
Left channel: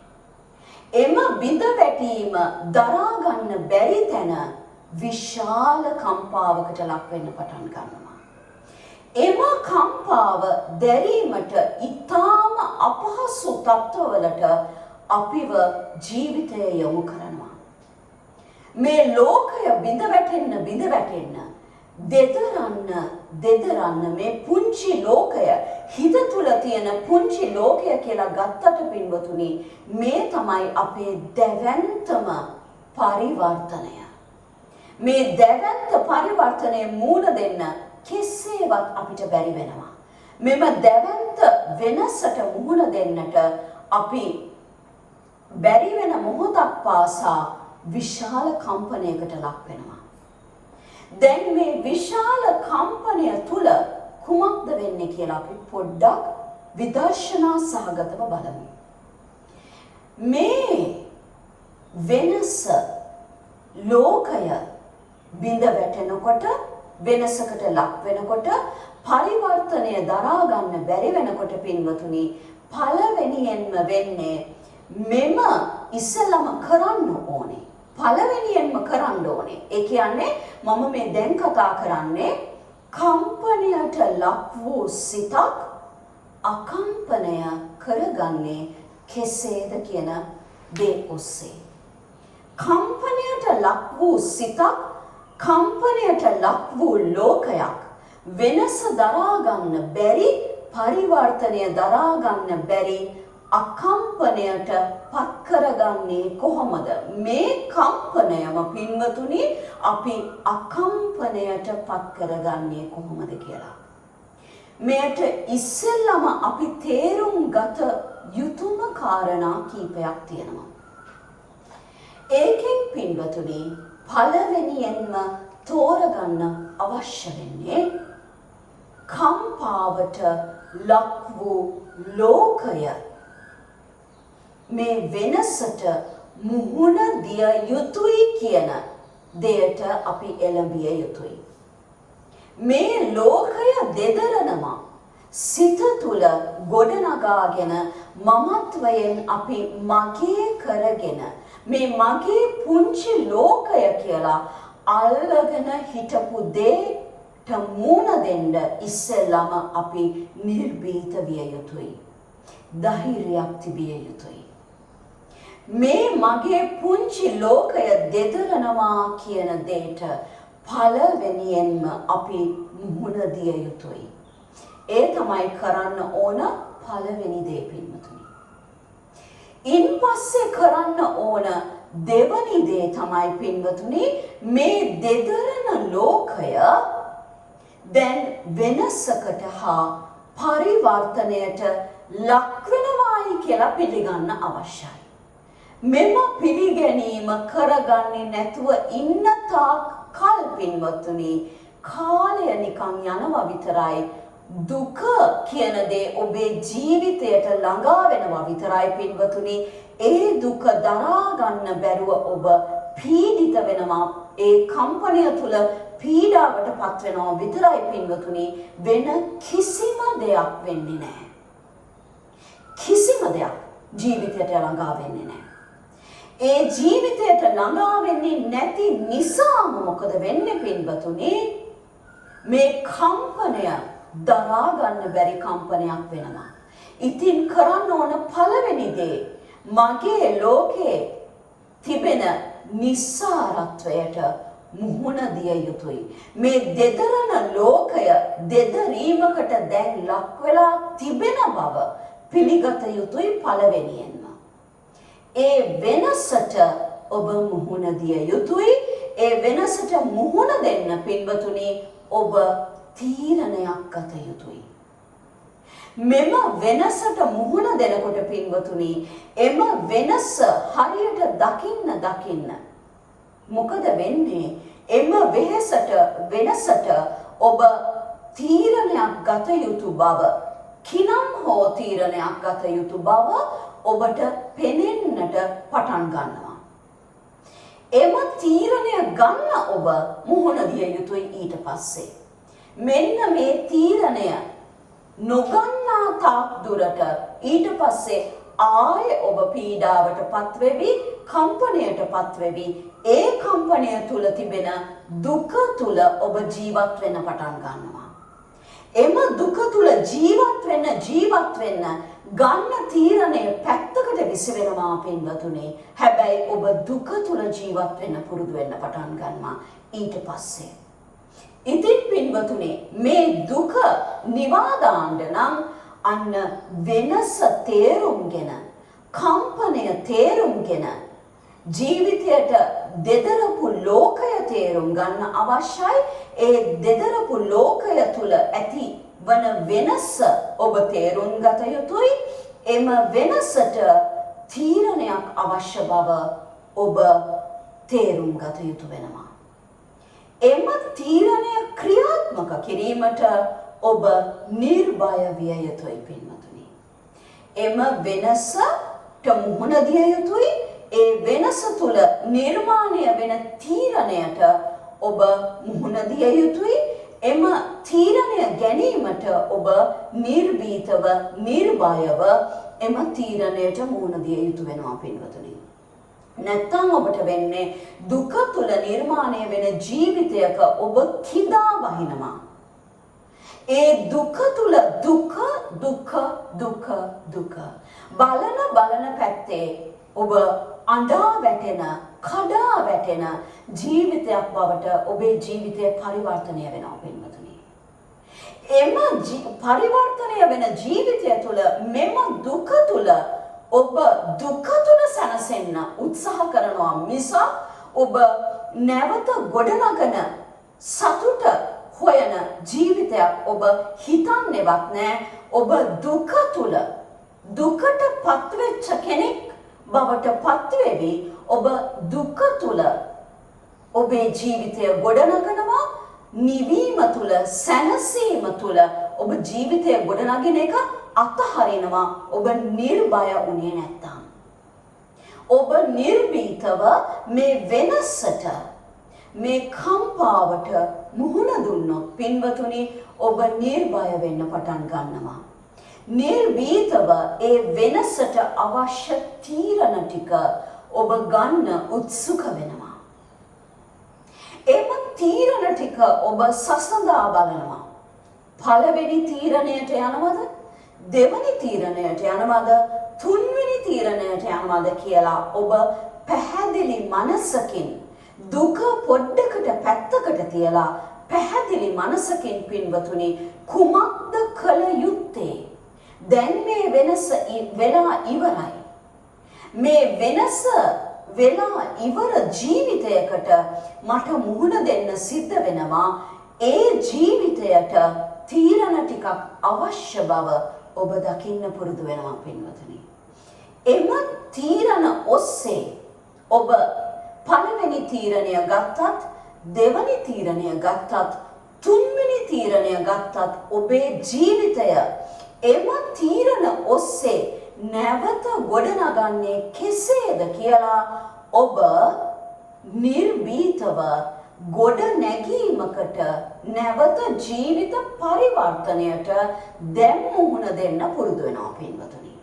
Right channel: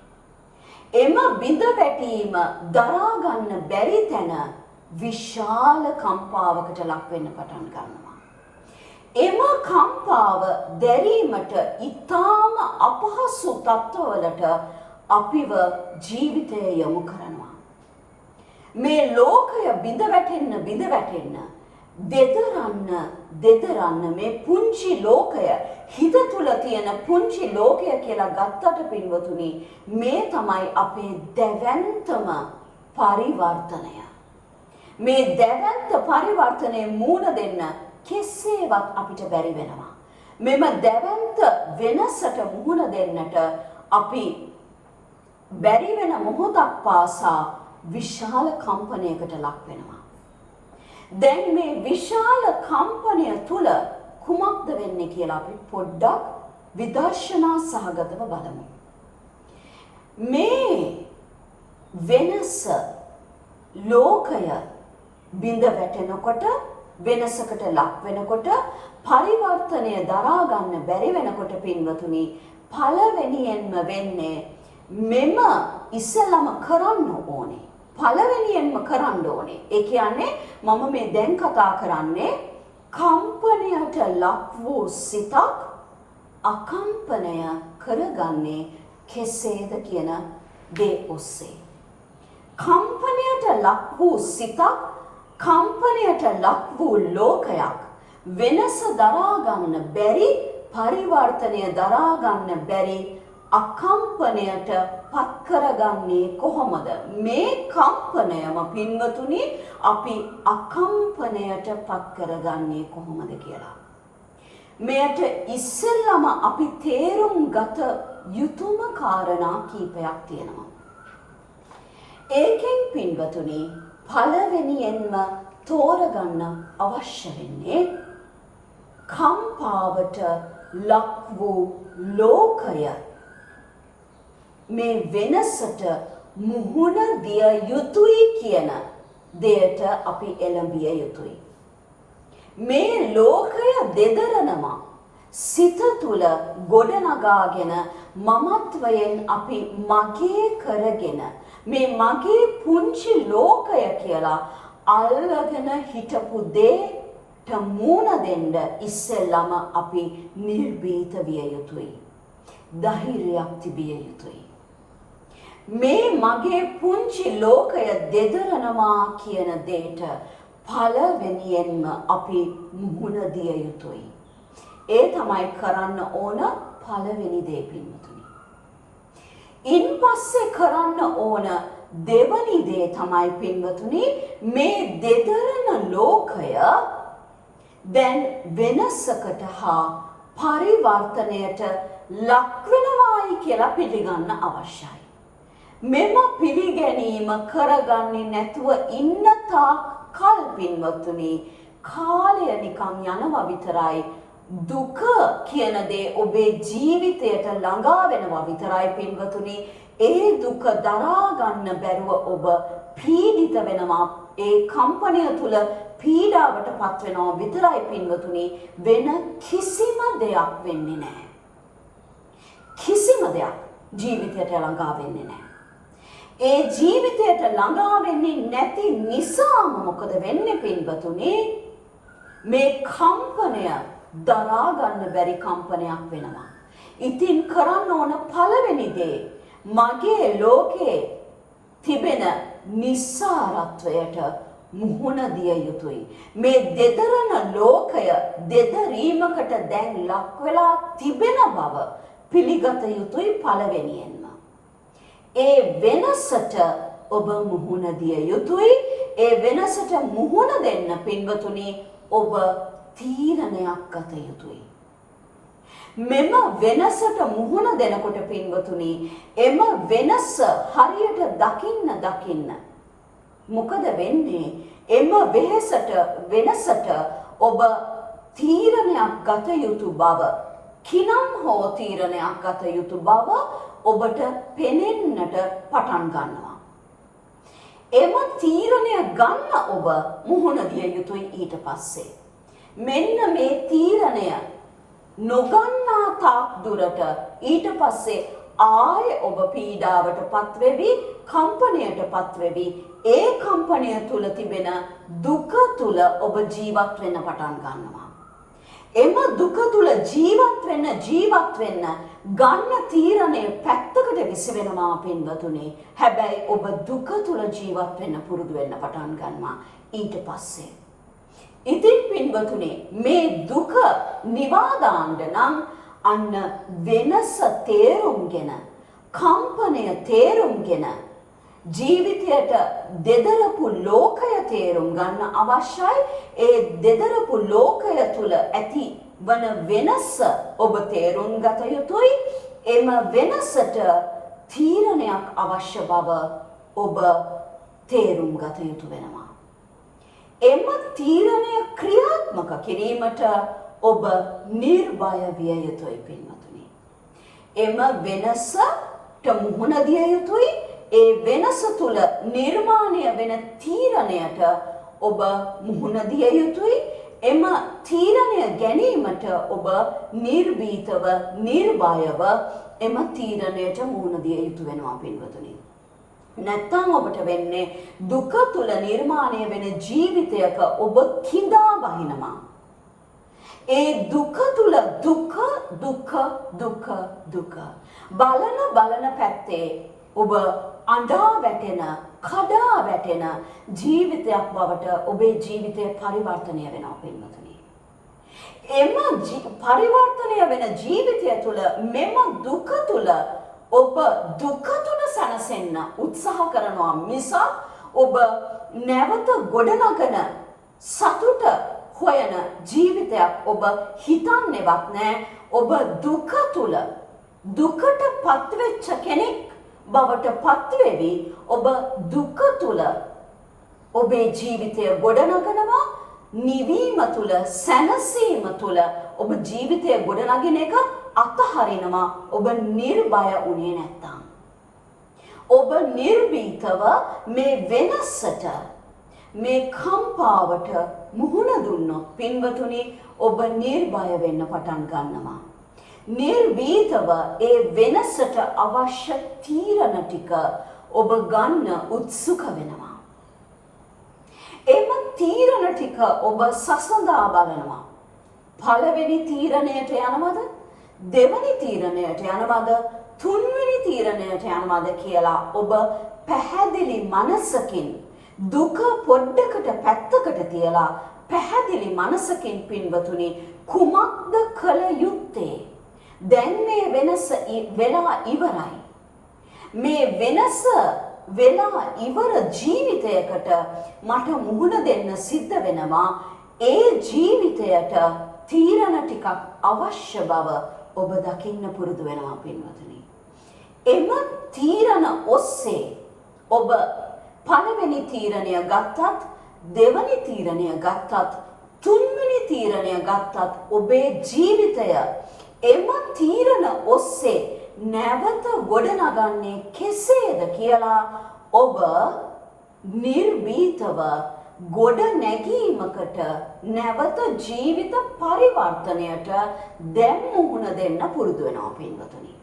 එම බිඳ වැටීම දරා ගන්න බැරි තැන විශාල කම්පාවකට ලක් වෙන්න පටන් ගන්නවා. එම කම්පාව දැරීමට ඉතාම අපහසු තත්ත්වවලට අපිව ජීවිතයේ යොමු කරනවා. මේ ලෝකය බිඳ වැටෙන්න දෙදරන්න මේ පුංචි ලෝකය හිත තුල තියෙන පුංචි ලෝකය කියලා ගත්තට පින්වතුනි මේ තමයි අපේ දැවැන්තම පරිවර්තනය. මේ දැවැන්ත පරිවර්තනයේ මූණ දෙන්න කෙසේවත් අපිට බැරි වෙනවා. මෙම දැවැන්ත වෙනසට මුහුණ දෙන්නට අපි බැරි වෙන මොහොතක් පාසා විශාල කම්පනයකට ලක් වෙනවා. දැන් මේ විශාල කම්පනය තුල කුමක්ද වෙන්නේ කියලා අපි පොඩ්ඩක් විදර්ශනා සහගතව බලමු. මේ වෙනස ලෝකය බිඳ වැටෙනකොට වෙනසකට ලක් වෙනකොට පරිවර්තනය දරා ගන්න බැරි වෙනකොට පින්වතුනි පළවෙනියෙන්ම වෙන්නේ මෙම ඉස්සලම කරන්න ඕනේ. පළවෙනියෙන්ම කරන්න ඕනේ. ඒ කියන්නේ මම මේ දැන් කතා කරන්නේ කම්පනයට ලක් වූ සිතක් අකම්පනය කරගන්නේ කෙසේද කියන දේ ඔස්සේ. කම්පනයට ලක් වූ සිතක් කම්පනයට ලක් වූ ලෝකයක් වෙනස දරා ගන්න බැරි පරිවර්තනය දරා ගන්න බැරි අකම්පනයට පත් කරගන්නේ කොහොමද? මේ කම්පනයම පින්වතුනි අපි අකම්පනයට පත් කරගන්නේ කොහොමද කියලා. මෙයට ඉස්සෙල්ලම අපි තේරුම් ගත යුතුම කාරණා කීපයක් තියෙනවා. ඒකෙන් පින්වතුනි පළවෙනියෙන්ම තෝරගන්න අවශ්‍ය වෙන්නේ කම්පාවට ලක් වූ ලෝකය මේ වෙනසට මුහුණ දිය යුතුයි කියන දෙයට අපි එළඹිය යුතුයි. මේ ලෝකය දෙදරනවා සිත තුළ ගොඩනගාගෙන මමත්වයෙන් අපි මගේ කරගෙන මේ මගේ පුංචි ලෝකය කියලා අල්ලගෙන හිටපු දෙයට මුණ දෙන්න ඉස්සෙල්ලම අපි නිර්භීත විය යුතුයි. ධෛර්යයක් තිබිය යුතුයි. මේ මගේ පුංචි ලෝකය දෙදරනවා කියන දෙයට පළවෙනියෙන්ම අපි මුහුණ දිය යුතුයි. ඒ තමයි කරන්න ඕන පළවෙනි දේ පින්වතුනි. ඉන්පස්සේ කරන්න ඕන දෙවනි දේ තමයි පින්වතුනි මේ දෙදරන ලෝකය දැන් වෙනසකට හා පරිවර්තනයට ලක් වෙනවායි කියලා පිළිගන්න අවශ්‍යයි. මෙම පිළිගැනීම කරගන්නේ නැතුව ඉන්න තාක් කල් පින්වත්තුනි කාලය නිකන් යනවා විතරයි. දුක කියන දේ ඔබේ ජීවිතයට ළඟා වෙනවා විතරයි පින්වතුනි. ඒ දුක දරා ගන්න බැරුව ඔබ පීඩිත වෙනවා. ඒ කම්පනය තුල පීඩාවට පත් වෙනවා විතරයි පින්වතුනි. වෙන කිසිම දෙයක් වෙන්නේ නැහැ. කිසිම දෙයක් ජීවිතයට ළඟා වෙන්නේ නැහැ. ඒ ජීවිතයට ළඟා වෙන්නේ නැති නිසාම මොකද වෙන්නේ පින්වතුනි? මේ කම්පනය දරා ගන්න බැරි කම්පනයක් වෙනවා. ඉතින් කරන්න ඕන පළවෙනි දේ මගේ ලෝකේ තිබෙන නිස්සාරත්වයට මුහුණ දිය යුතුයි. මේ දෙදරන ලෝකය දෙදරීමකට දැන් ලක් වෙලා තිබෙන බව පිළිගත යුතුයි පළවෙනියෙන්ම. ඒ වෙනසට ඔබ මුහුණ දිය යුතුයි. ඒ වෙනසට මුහුණ දෙන්න පින්වතුනි ඔබ තීරණයක් ගත යුතුයි. මෙම වෙනසට මුහුණ දෙනකොට පින්වතුනි එම වෙනස හරියට දකින්න මොකද වෙන්නේ? එම වෙනසට ඔබ තීරණයක් ගත යුතු බව කිනම් හෝ තීරණයක් ගත යුතු බව ඔබට පෙනෙන්නට පටන් ගන්නවා. එම තීරණය ගන්න ඔබ මුහුණ දිය යුතුයි ඊට පස්සේ. මෙන්න මේ තීරණය නොගන්නා තාක් දුරට ඊට පස්සේ ආයේ ඔබ පීඩාවට පත්වෙවි, කම්පනයට පත්වෙවි. ඒ කම්පනය තුල තිබෙන දුක තුල ඔබ ජීවත් වෙන්න පටන් ගන්නවා. එම දුක තුල ජීවත් වෙන්න ගන්න තීරණය පැත්තකට විසි වෙනවා පින්වතුනි. හැබැයි ඔබ දුක තුල ජීවත් වෙන්න පුරුදු වෙන්න පටන් ගන්නවා ඊට පස්සේ. ඉතින් පින්වතුනි මේ දුක නිවා දාන්න නම් අන්න වෙනස තේරුම්ගෙන කම්පනය තේරුම්ගෙන ජීවිතයට දෙදරපු ලෝකය තේරුම් ගන්න අවශ්‍යයි. ඒ දෙදරපු ලෝකය තුල ඇති වන වෙනස ඔබ තේරුම් ගත යුතුයි. එම වෙනසට තීරණයක් අවශ්‍ය බව ඔබ තේරුම් ගත යුතු වෙනවා. එම තීරණය ක්‍රියාත්මක කිරීමට ඔබ නිර්භය විය යුතුයි පින්වතුනි. එම වෙනසට මුහුණ දිය යුතුයි. ඒ වෙනස තුල නිර්මාණය වෙන තීරණයට ඔබ මුහුණ දිය යුතුයි. එම තීරණය ගැනීමට ඔබ නිර්භීතව නිර්භයව එම තීරණයට මුහුණ දිය යුතු වෙනවා පින්වතුනි. නැත්නම් ඔබට වෙන්නේ දුක තුල නිර්මාණය වෙන ජීවිතයක ඔබ කිඳා වහිනවා. ඒ දුක තුල දුක දුක දුක දුක බලන පැත්තේ ඔබ අඬා වැටෙන කඩා වැටෙන ජීවිතයක් බවට ඔබේ ජීවිතය පරිවර්තනය වෙනවා පින්වතුනි. එම පරිවර්තනය වෙන ජීවිතය තුළ මෙම දුක තුළ ඔබ දුක තුළ සැනසෙන්න උත්සාහ කරනවා මිසක් ඔබ නැවත ගොඩනගන සතුට හොයන ජීවිතයක් ඔබ හිතන්නේවත් නැහැ. ඔබ දුක තුළ දුකට පත්වෙච්ච කෙනෙක් බවට පත්වෙවි. ඔබ දුක තුළ ඔබේ ජීවිතය ගොඩනගනවා. නිවීම තුළ සැනසීම තුළ ඔබ ජීවිතය ගොඩනගෙන එක අතහරිනවා. ඔබ නිර්භය වුණේ නැත්තම්. ඔබ නිර්භීතව මේ වෙනසට මේ කම්පාවට මුහුණ දුන්නොත් පින්වතුනි ඔබ නිර්භය වෙන්න පටන් ගන්නවා. නිර්භීතව ඒ වෙනසට අවශ්‍ය තීරණ ටික ඔබ ගන්න උත්සුක වෙනවා. එම තීරණ ටික ඔබ සසඳා බලනවා. පළවෙනි තීරණයට යනවද? දෙවැනි තීරණයට යනවද? තුන්වෙනි තීරණයට යනවද කියලා ඔබ පැහැදිලි මනසකින් දුක පොඩ්ඩකට පැත්තකට තියලා පැහැදිලි මනසකින් පින්වතුනි කුමක්ද කළ යුත්තේ? දැන් මේ වෙනස වෙලා ඉවරයි. මේ වෙනස වෙලා ඉවර ජීවිතයකට මට මුහුණ දෙන්න සිද්ධ වෙනවා. ඒ ජීවිතයට තීරණ ටිකක් අවශ්‍ය බව ඔබ දකින්න පුරුදු වෙනවා පින්වතුනි. එම තීරණ ඔස්සේ ඔබ පළවෙනි තීරණය ගත්තත්, දෙවැනි තීරණය ගත්තත්, තුන්වෙනි තීරණය ගත්තත් ඔබේ ජීවිතය එම තීරණ ඔස්සේ නැවත ගොඩනගන්නේ කෙසේද කියලා ඔබ නිර්භීතව ගොඩ නැගීමකට නැවත ජීවිත පරිවර්තනයට දැන් මුහුණ දෙන්න පුරුදු වෙනවා පින්වතුනි.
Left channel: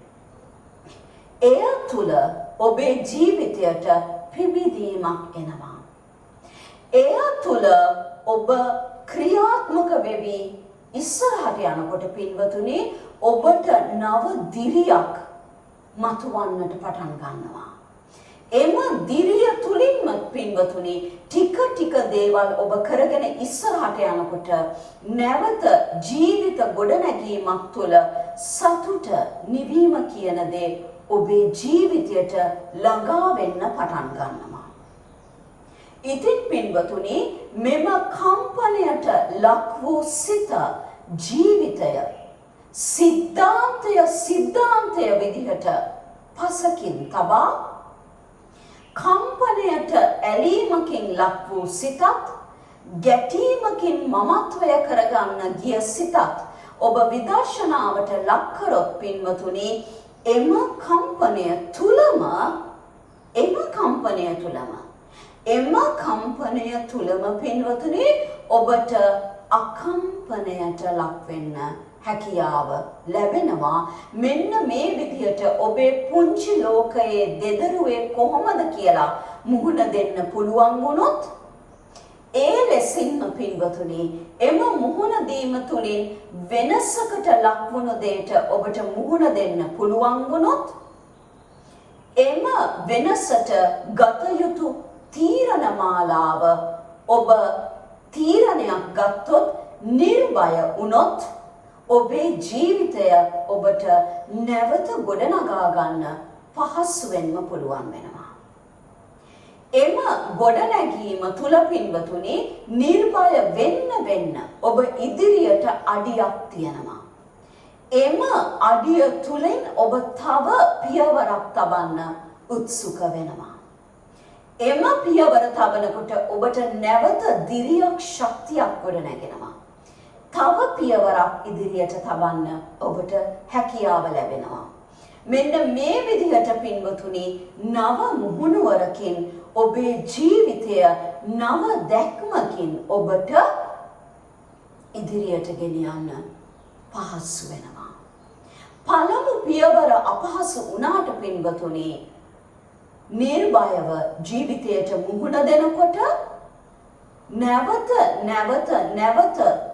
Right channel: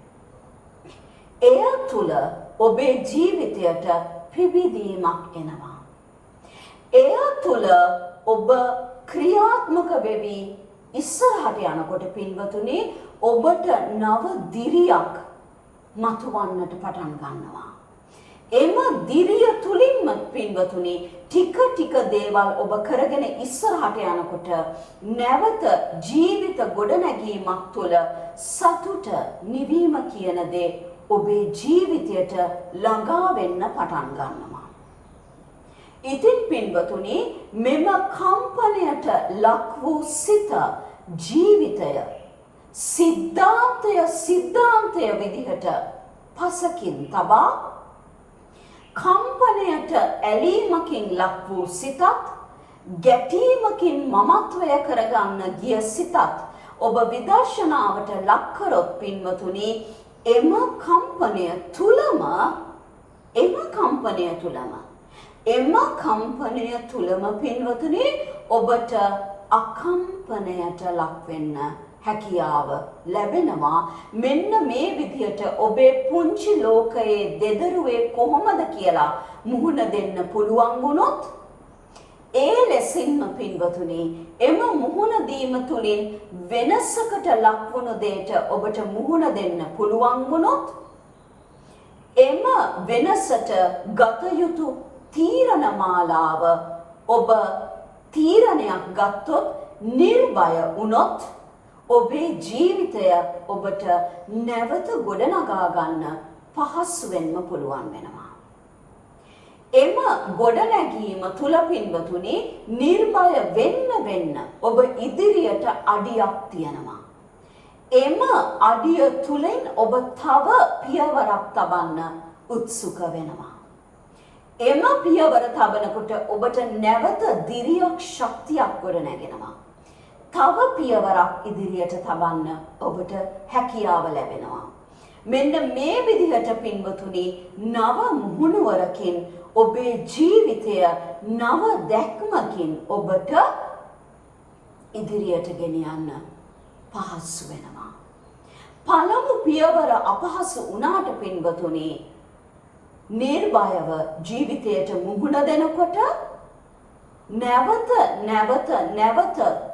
එය තුළ ඔබේ ජීවිතයට පිබිදීමක් එනවා. එය තුළ ඔබ ක්‍රියාත්මක වෙවි ඉස්සරහට යනකොට පින්වතුනි ඔබට නව දිරියක් මතුවන්නට පටන් ගන්නවා. එම දිරිය තුලින්ම පින්වතුනි ටික දේවල් ඔබ කරගෙන ඉස්සරහට යනකොට නැවත ජීවිත ගොඩනැගීමක් තුළ සතුට නිවීම කියන දේ ඔබේ ජීවිතයට ළඟා වෙන්න පටන් ගන්නවා. ඉතින් පින්වතුනි මෙම කම්පනයට ලක් වූ සිත ජීවිතය සිද්ධාන්තය විදිහට පසකින් තබා කම්පනයට ඇලීමකින් ලක් වූ සිතත් ගැටීමකින් මමත්වය කරගන්න ගිය සිතත් ඔබ විදර්ශනාවට ලක් කරොත් පින්වතුනි එම කම්පනය තුලම පින්වතුනි ඔබට අකම්පනයට ලක් වෙන්න හැකියාව ලැබෙනවා. මෙන්න මේ විදිහට ඔබේ පුංචි ලෝකයේ දෙදරුවේ කොහොමද කියලා මුහුණ දෙන්න පුළුවන් වුණොත් ඒ ලෙසින්ම පින්වතුනි එම මුහුණ දීම තුලින් වෙනසකට ලක්වුණු දෙයට ඔබට මුහුණ දෙන්න පුළුවන් වුණොත් එම වෙනසට ගත යුතු තීරණ මාලාව ඔබ තීරණයක් ගත්තොත් නිර්භය වුණොත් ඔබේ ජීවිතය ඔබට නැවත ගොඩනගා ගන්න පහසුවෙන්ම පුළුවන් වෙනවා. එම ගොඩනැගීම තුල පින්වතුනි නිර්භය වෙන්න ඔබ ඉදිරියට අඩියක් තියනවා. එම අඩිය තුලින් ඔබ තව පියවරක් තබන්න උත්සුක වෙනවා. එම පියවර තබනකොට ඔබට නැවත දිරියක් ශක්තියක් ගොඩනැගෙනවා. තව පියවරක් ඉදිරියට තබන්න ඔබට හැකියාව ලැබෙනවා. මෙන්න මේ විදිහට පින්වතුනි නව මුහුණුවරකින් ඔබේ ජීවිතය නව දැක්මකින් ඔබට ඉදිරියට ගෙන යන්න පහසු වෙනවා. පළමු පියවර අපහසු වුණාට පින්වතුනි නිර්භයව ජීවිතයට මුහුණ දෙනකොට නැවත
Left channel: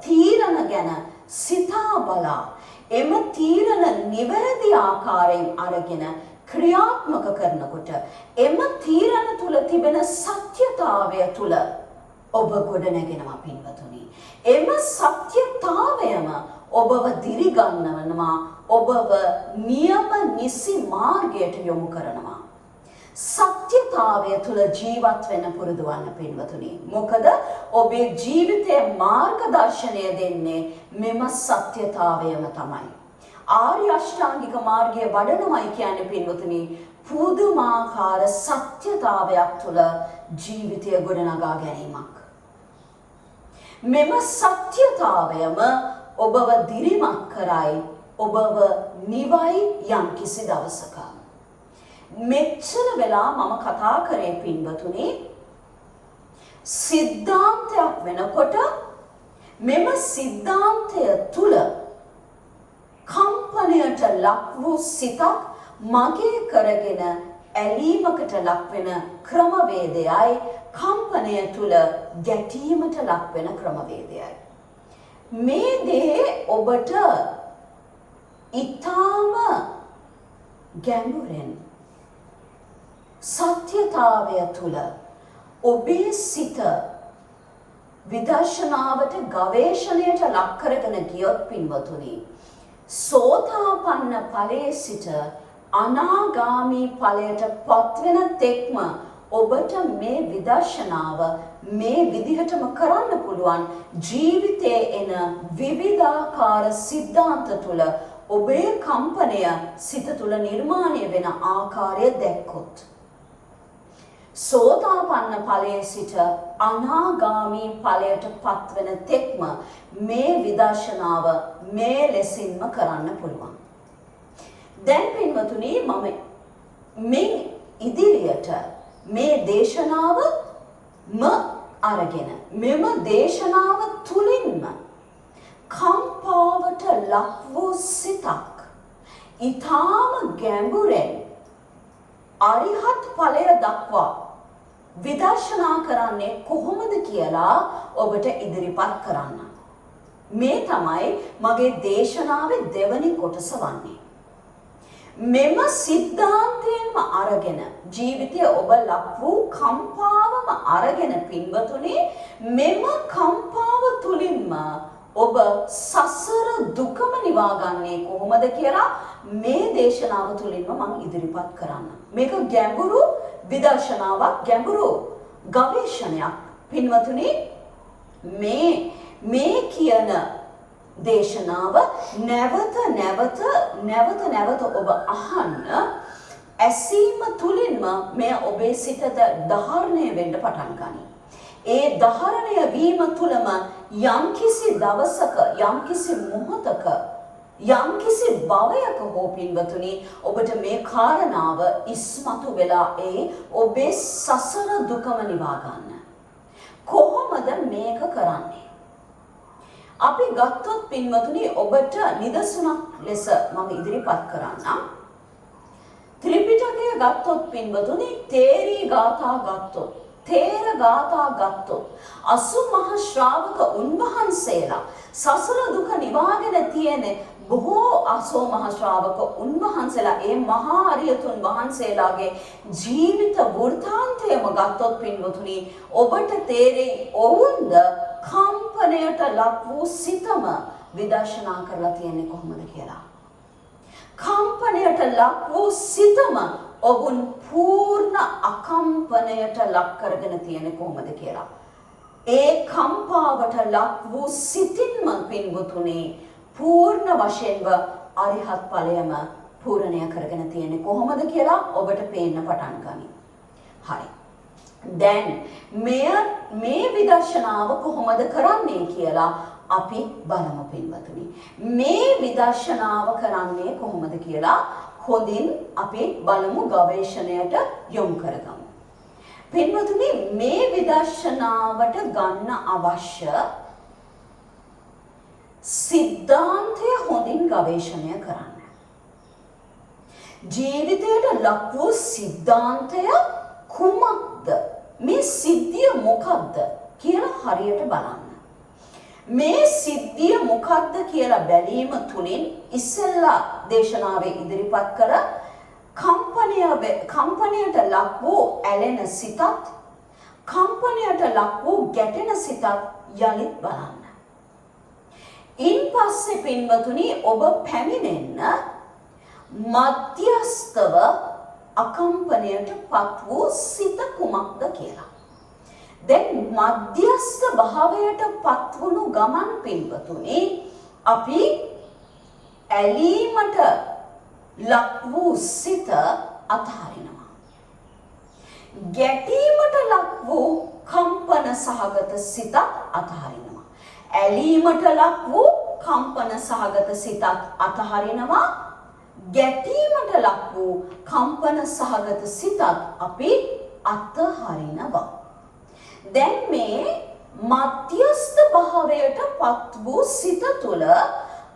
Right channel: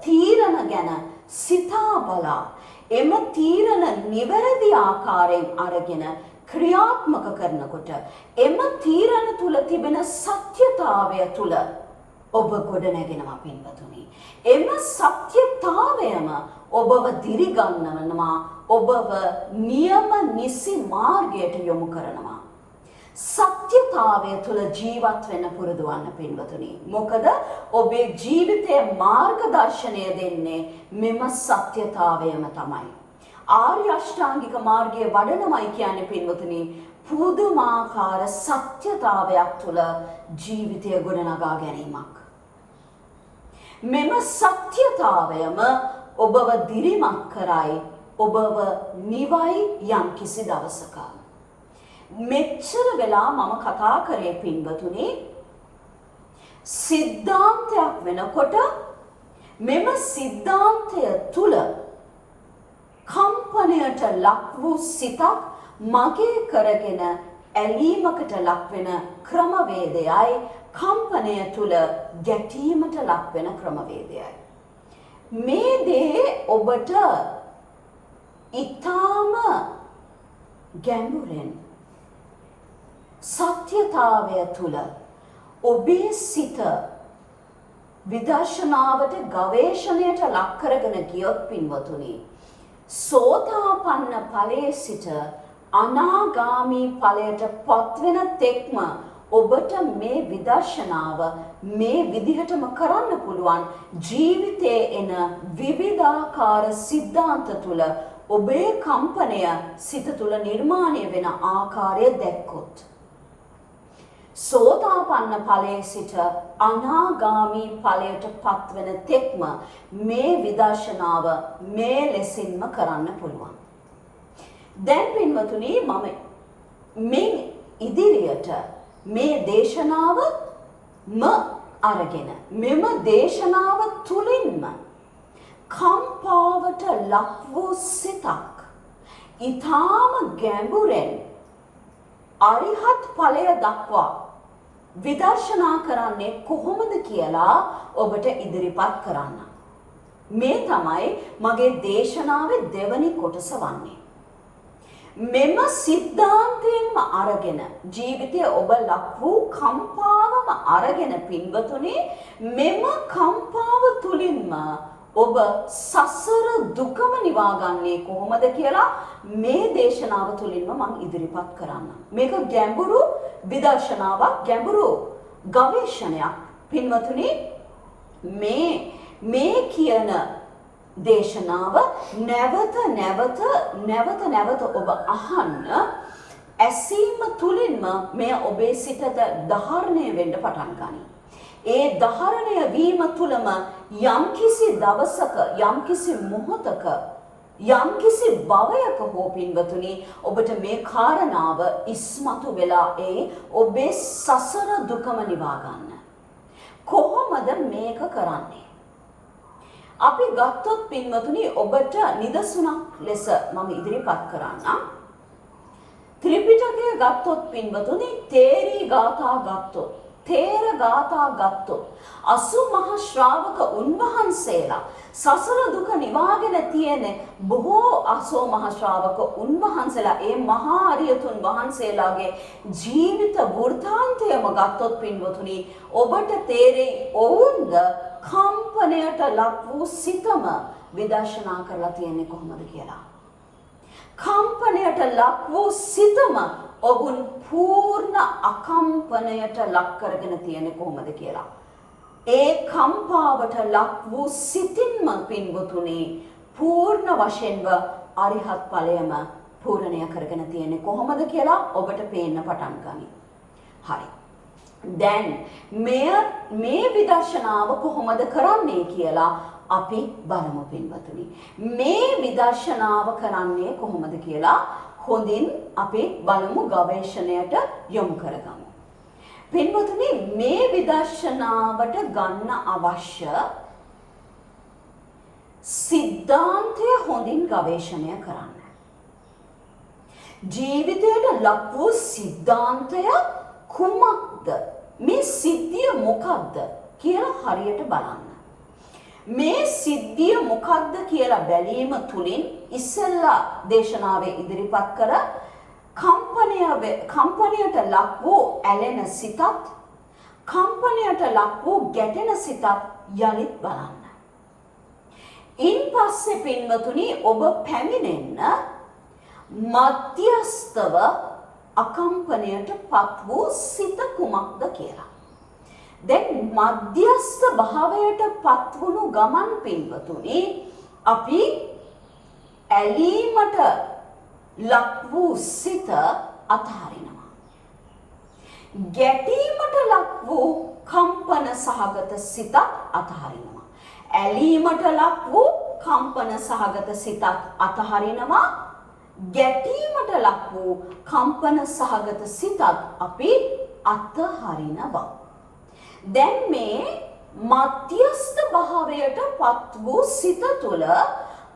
තීරණ ගැන සිතා බලා එම තීරණ නිවැරදි ආකාරයෙන් අරගෙන ක්‍රියාත්මක කරනකොට එම තීරණ තුල තිබෙන සත්‍යතාවය තුල ඔබ ගොඩනැගෙනවා පින්වතුනි. එම සත්‍යතාවයම ඔබව දිරිගන්නනවා, ඔබව නියම නිසි මාර්ගයට යොමු කරනවා. සත්‍යතාවය තුල ජීවත් වෙන්න පුරුදු වන්න පින්වතුනි. මොකද ඔබේ ජීවිතයේ මාර්ගදර්ශනය දෙන්නේ මෙම සත්‍යතාවයම තමයි. ආර්ය අෂ්ටාංගික මාර්ගයේ වඩනමයි කියන්නේ පින්වතුනි පුදුමාකාර සත්‍යතාවයක් තුල ජීවිතය ගොඩනගා ගැනීමක්. මෙම සත්‍යතාවයම ඔබව දිරිමත් කරයි, ඔබව නිවයි යම් කිසි දවසක. මෙච්චර වෙලා මම කතා කරේ පින්වතුනි සිද්ධාන්තයක් වෙනකොට මෙම සිද්ධාන්තය තුල කම්පනයට ලක් වූ සිතක් මගේ කරගෙන ඇලීමකට ලක් වෙන ක්‍රමවේදයයි කම්පනය තුල ගැටීමට ලක් වෙන ක්‍රමවේදයයි. මේ දේ ඔබට ඊටාම ගැඹුරෙන් සත්‍යතාවය තුල ඔබේ සිත විදර්ශනාවට ගවේෂණයට ලක් කරගෙන ගියොත් පින්වතුනි සෝතාපන්න ඵලයේ සිට අනාගාමී ඵලයට පත්වෙන තෙක්ම ඔබට මේ විදර්ශනාව මේ විදිහටම කරන්න පුළුවන්. ජීවිතයේ එන විවිධාකාර සිද්ධාන්ත තුල ඔබේ කම්පනය සිත තුල නිර්මාණය වෙන ආකාරය දැක්කොත් සෝතාපන්න ඵලයේ සිට අනාගාමී ඵලයට පත්වෙන තෙක්ම මේ විදර්ශනාව මේ ලෙසින්ම කරන්න පුළුවන්. දැන් පින්වතුනි මම මේ ඉදිරියට මේ දේශනාවම අරගෙන මෙම දේශනාව තුලින්ම කම්පාවට ලක් වූ සිතක් ඊටාම ගැඹුරෙන් අරිහත් ඵලය දක්වා විදර්ශනා කරන්නේ කොහොමද කියලා ඔබට ඉදිරිපත් කරන්න. මේ තමයි මගේ දේශනාවේ දෙවැනි කොටස වන්නේ. මෙම සිද්ධාන්තයෙන්ම අරගෙන ජීවිතය ඔබ ලක් වූ කම්පාවම අරගෙන පින්වතුනි මෙම කම්පාව තුලින්ම ඔබ සසර දුකම නිවාගන්නේ කොහොමද කියලා මේ දේශනාව තුලින්ම මම ඉදිරිපත් කරන්න. මේක ගැඹුරු විදර්ශනාවක්, ගැඹුරු ගවේෂණයක්. පින්වතුනි මේ කියන දේශනාව නැවත ඔබ අහන්න ඇසීම තුලින්ම මේ ඔබේ සිතට ධාරණය වෙන්න පටන් ගනී. ඒ ධාරණය වීම තුලම යම්කිසි දවසක යම්කිසි මොහොතක යම්කිසි භවයක හෝ පින්වතුනි ඔබට මේ කාරණාව ඉස්මතු වෙලා ඔබේ සසර දුකම නිවා ගන්න. කොහොමද මේක කරන්නේ? අපි ගත්තොත් පින්වතුනි ඔබට නිදසුනක් ලෙස මම ඉදිරිපත් කරන්නම්. ත්‍රිපිටකය ගත්තොත් පින්වතුනි තේරී ගාථා ගත්තොත් තේර ගාථා ගත්තොත් 80 මහා ශ්‍රාවක උන්වහන්සේලා සසර දුක නිවාගෙන තියෙන බොහෝ 80 මහා ශ්‍රාවක උන්වහන්සේලා ඒ මහා අරියතුන් වහන්සේලාගේ ජීවිත වෘත්තාන්තයම ගත්තොත් පින්වතුනි ඔබට තේරෙයි ඔවුන්ද කම්පණයට ලක් වූ සිතම විදර්ශනා කරලා තියෙන්නේ කොහොමද කියලා. කම්පණයට ලක් වූ සිතම ඔවුන් පූර්ණ අකම්පණයට ලක් කරගෙන තියෙන්නේ කොහොමද කියලා. ඒ කම්පාවට ලක් වූ සිතින්ම පින්වතුනි පූර්ණ වශයෙන්ම අරිහත් ඵලයම පූර්ණය කරගෙන තියෙන්නේ කොහොමද කියලා ඔබට පේන්න පටන් ගනී. හරි. දැන් මේ විදර්ශනාව කොහොමද කරන්නේ කියලා අපි බලමු පින්වතුනි. මේ විදර්ශනාව කරන්නේ කොහොමද කියලා හොඳින් අපි බලමු ගවේෂණයට යොමු කරගමු. පින්වතුනි මේ විදර්ශනාවට ගන්න අවශ්‍ය සිද්ධාන්තය හොඳින් ගවේෂණය කරන්න. ජීවිතයට ලක් වූ සිද්ධාන්තය කුමක්ද? මේ සිද්ධිය මොකක්ද කියලා හරියට බලන්න. මේ සිද්ධිය මොකක්ද කියලා බැලීම තුලින් ඉස්සෙල්ලා දේශනාවේ ඉදිරිපත් කර කම්පණයට ලක් වූ ඇලෙන සිතත් කම්පණයට ලක් වූ ගැටෙන සිතත් යලිත් බලන්න. ඉන්පස්සේ පින්වතුනි ඔබ පැමිණෙන්න මධ්‍යස්තව අකම්පණයට පත් වූ සිත කුමක්ද කියලා. දැන් මධ්‍යස්ත භාවයට පත් වුණු ගමන් පින්වතුනි අපි ඇලීමට ලක් වූ සිත අතහරිනවා. ගැටීමට ලක් වූ කම්පන සහගත සිත අතහරිනවා. ඇලීමට ලක් වූ කම්පන සහගත සිතත් අතහරිනවා. ගැටීමට ලක් වූ කම්පන සහගත සිතත් අපි අතහරිනවා. දැන් මේ මධ්‍යස්ථ භාවයට පත් වූ සිත තුළ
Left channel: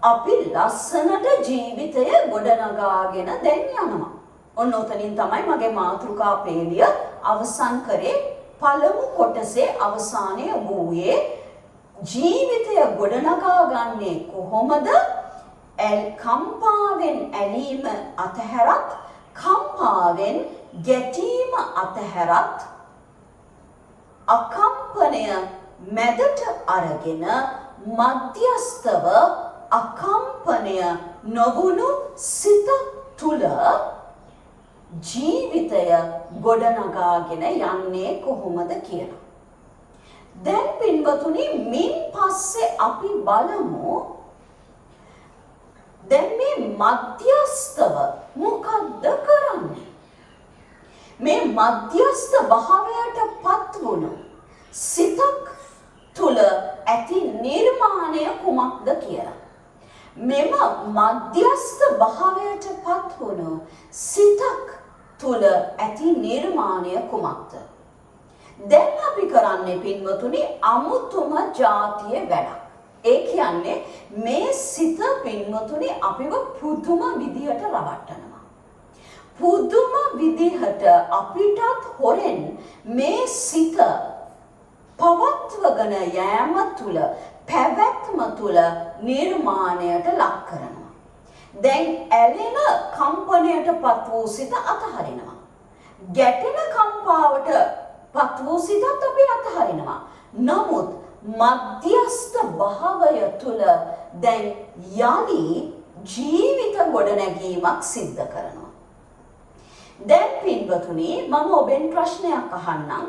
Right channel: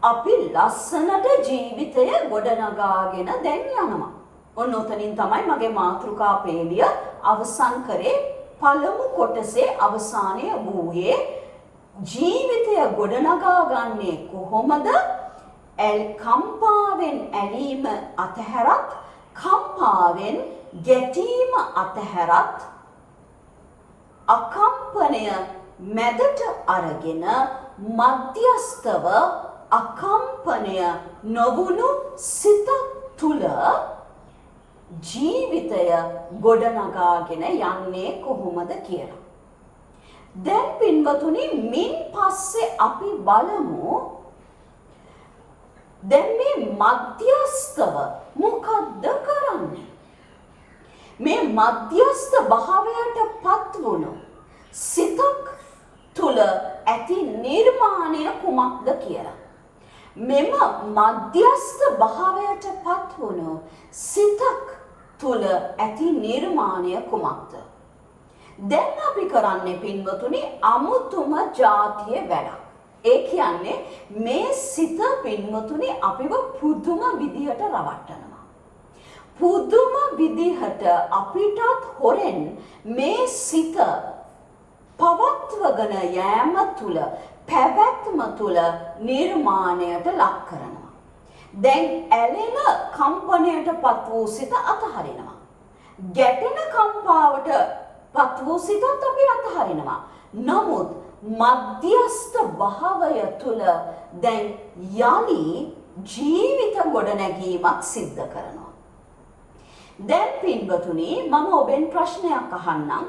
අපි ලස්සනට ජීවිතය ගොඩනගාගෙන දැන් යනවා. ඔන්න උතනින් තමයි මගේ මාතෘකා පේළිය අවසන් කරේ. පළමු කොටසේ අවසානයේ වූයේ ජීවිතය ගොඩනගා ගන්නේ කොහොමද? කම්පාවෙන් ඇලීම අතහැරත් කම්පාවෙන් ගැටීම අතහැරත් අකම්පනය මැදට අරගෙන මධ්‍යස්තව අකම්පනය නොවුණු සිත තුළ ජීවිතය ගොඩනගාගෙන යන්නේ කොහොමද කියලා. දැන් පින්වතුනි මින් පස්සේ අපි බලමු දැන් මේ මධ්‍යස්තව මොකද්ද කරන්නේ? මේ මධ්‍යස්ත භාවයට පත් වුණු සිතක් තුළ ඇති නිර්මාණය කුමක්ද කියලා. මෙම මධ්‍යස්ත භාවයට පත් වුණු සිතක් තුළ ඇති නිර්මාණය කුමක්ද? දැන් අපි කරන්නේ පින්වතුනි අමුතුම ජාතිය වැඩක්. ඒ කියන්නේ මේ සිත පින්වතුනි අපිව පුදුම විදියට රවට්ටනවා. පුදුම විදිහට අපිටත් හොරෙන් මේ සිත පවත්වගෙන යෑම තුළ පැවැත්ම තුළ නිර්මාණයට ලක් කරනවා. දැන් ඇලෙන කම්පනයට පත් වූ සිත අතහරිනවා. ගැටෙන කම්පාවට පත් වූ සිතත් අපි අතහරිනවා. නමුත් මධ්‍යස්ථ භාවය තුළ දැන් යලි ජීවිත ගොඩනැගීමක් සිද්ධ කරනවා. දැන් පින්වතුනි මම ඔබෙන් ප්‍රශ්නයක් අහන්නම්.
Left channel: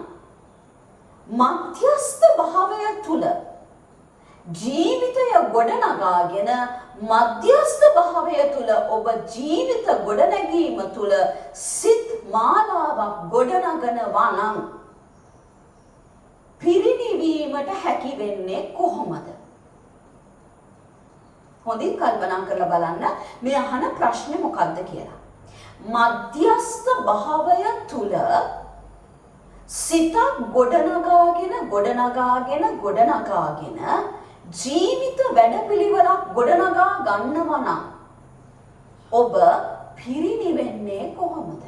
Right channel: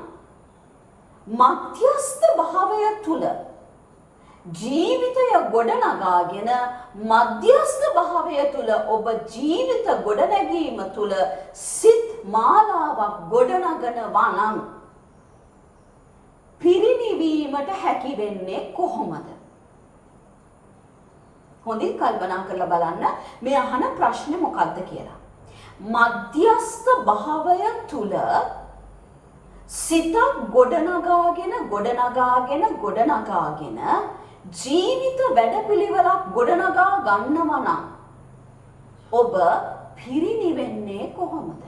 මධ්‍යස්ථ භාවය තුළ ජීවිතය ගොඩනගාගෙන මධ්‍යස්ථ භාවය තුළ ඔබ ජීවිත ගොඩනැගීම තුළ සිත් මාලාවක් ගොඩනගනවා නම් පිරිනිවීමට හැකි වෙන්නේ කොහොමද? හොඳින් කල්පනා කරලා බලන්න මේ අහන ප්‍රශ්නේ මොකක්ද කියලා. මධ්‍යස්ථ භාවය තුළ සිත ගොඩනගාගෙන ජීවිත වැඩපිළිවෙලක් ගොඩනගා ගන්නවා නම් ඔබ පිරිනිවෙන්නේ කොහොමද?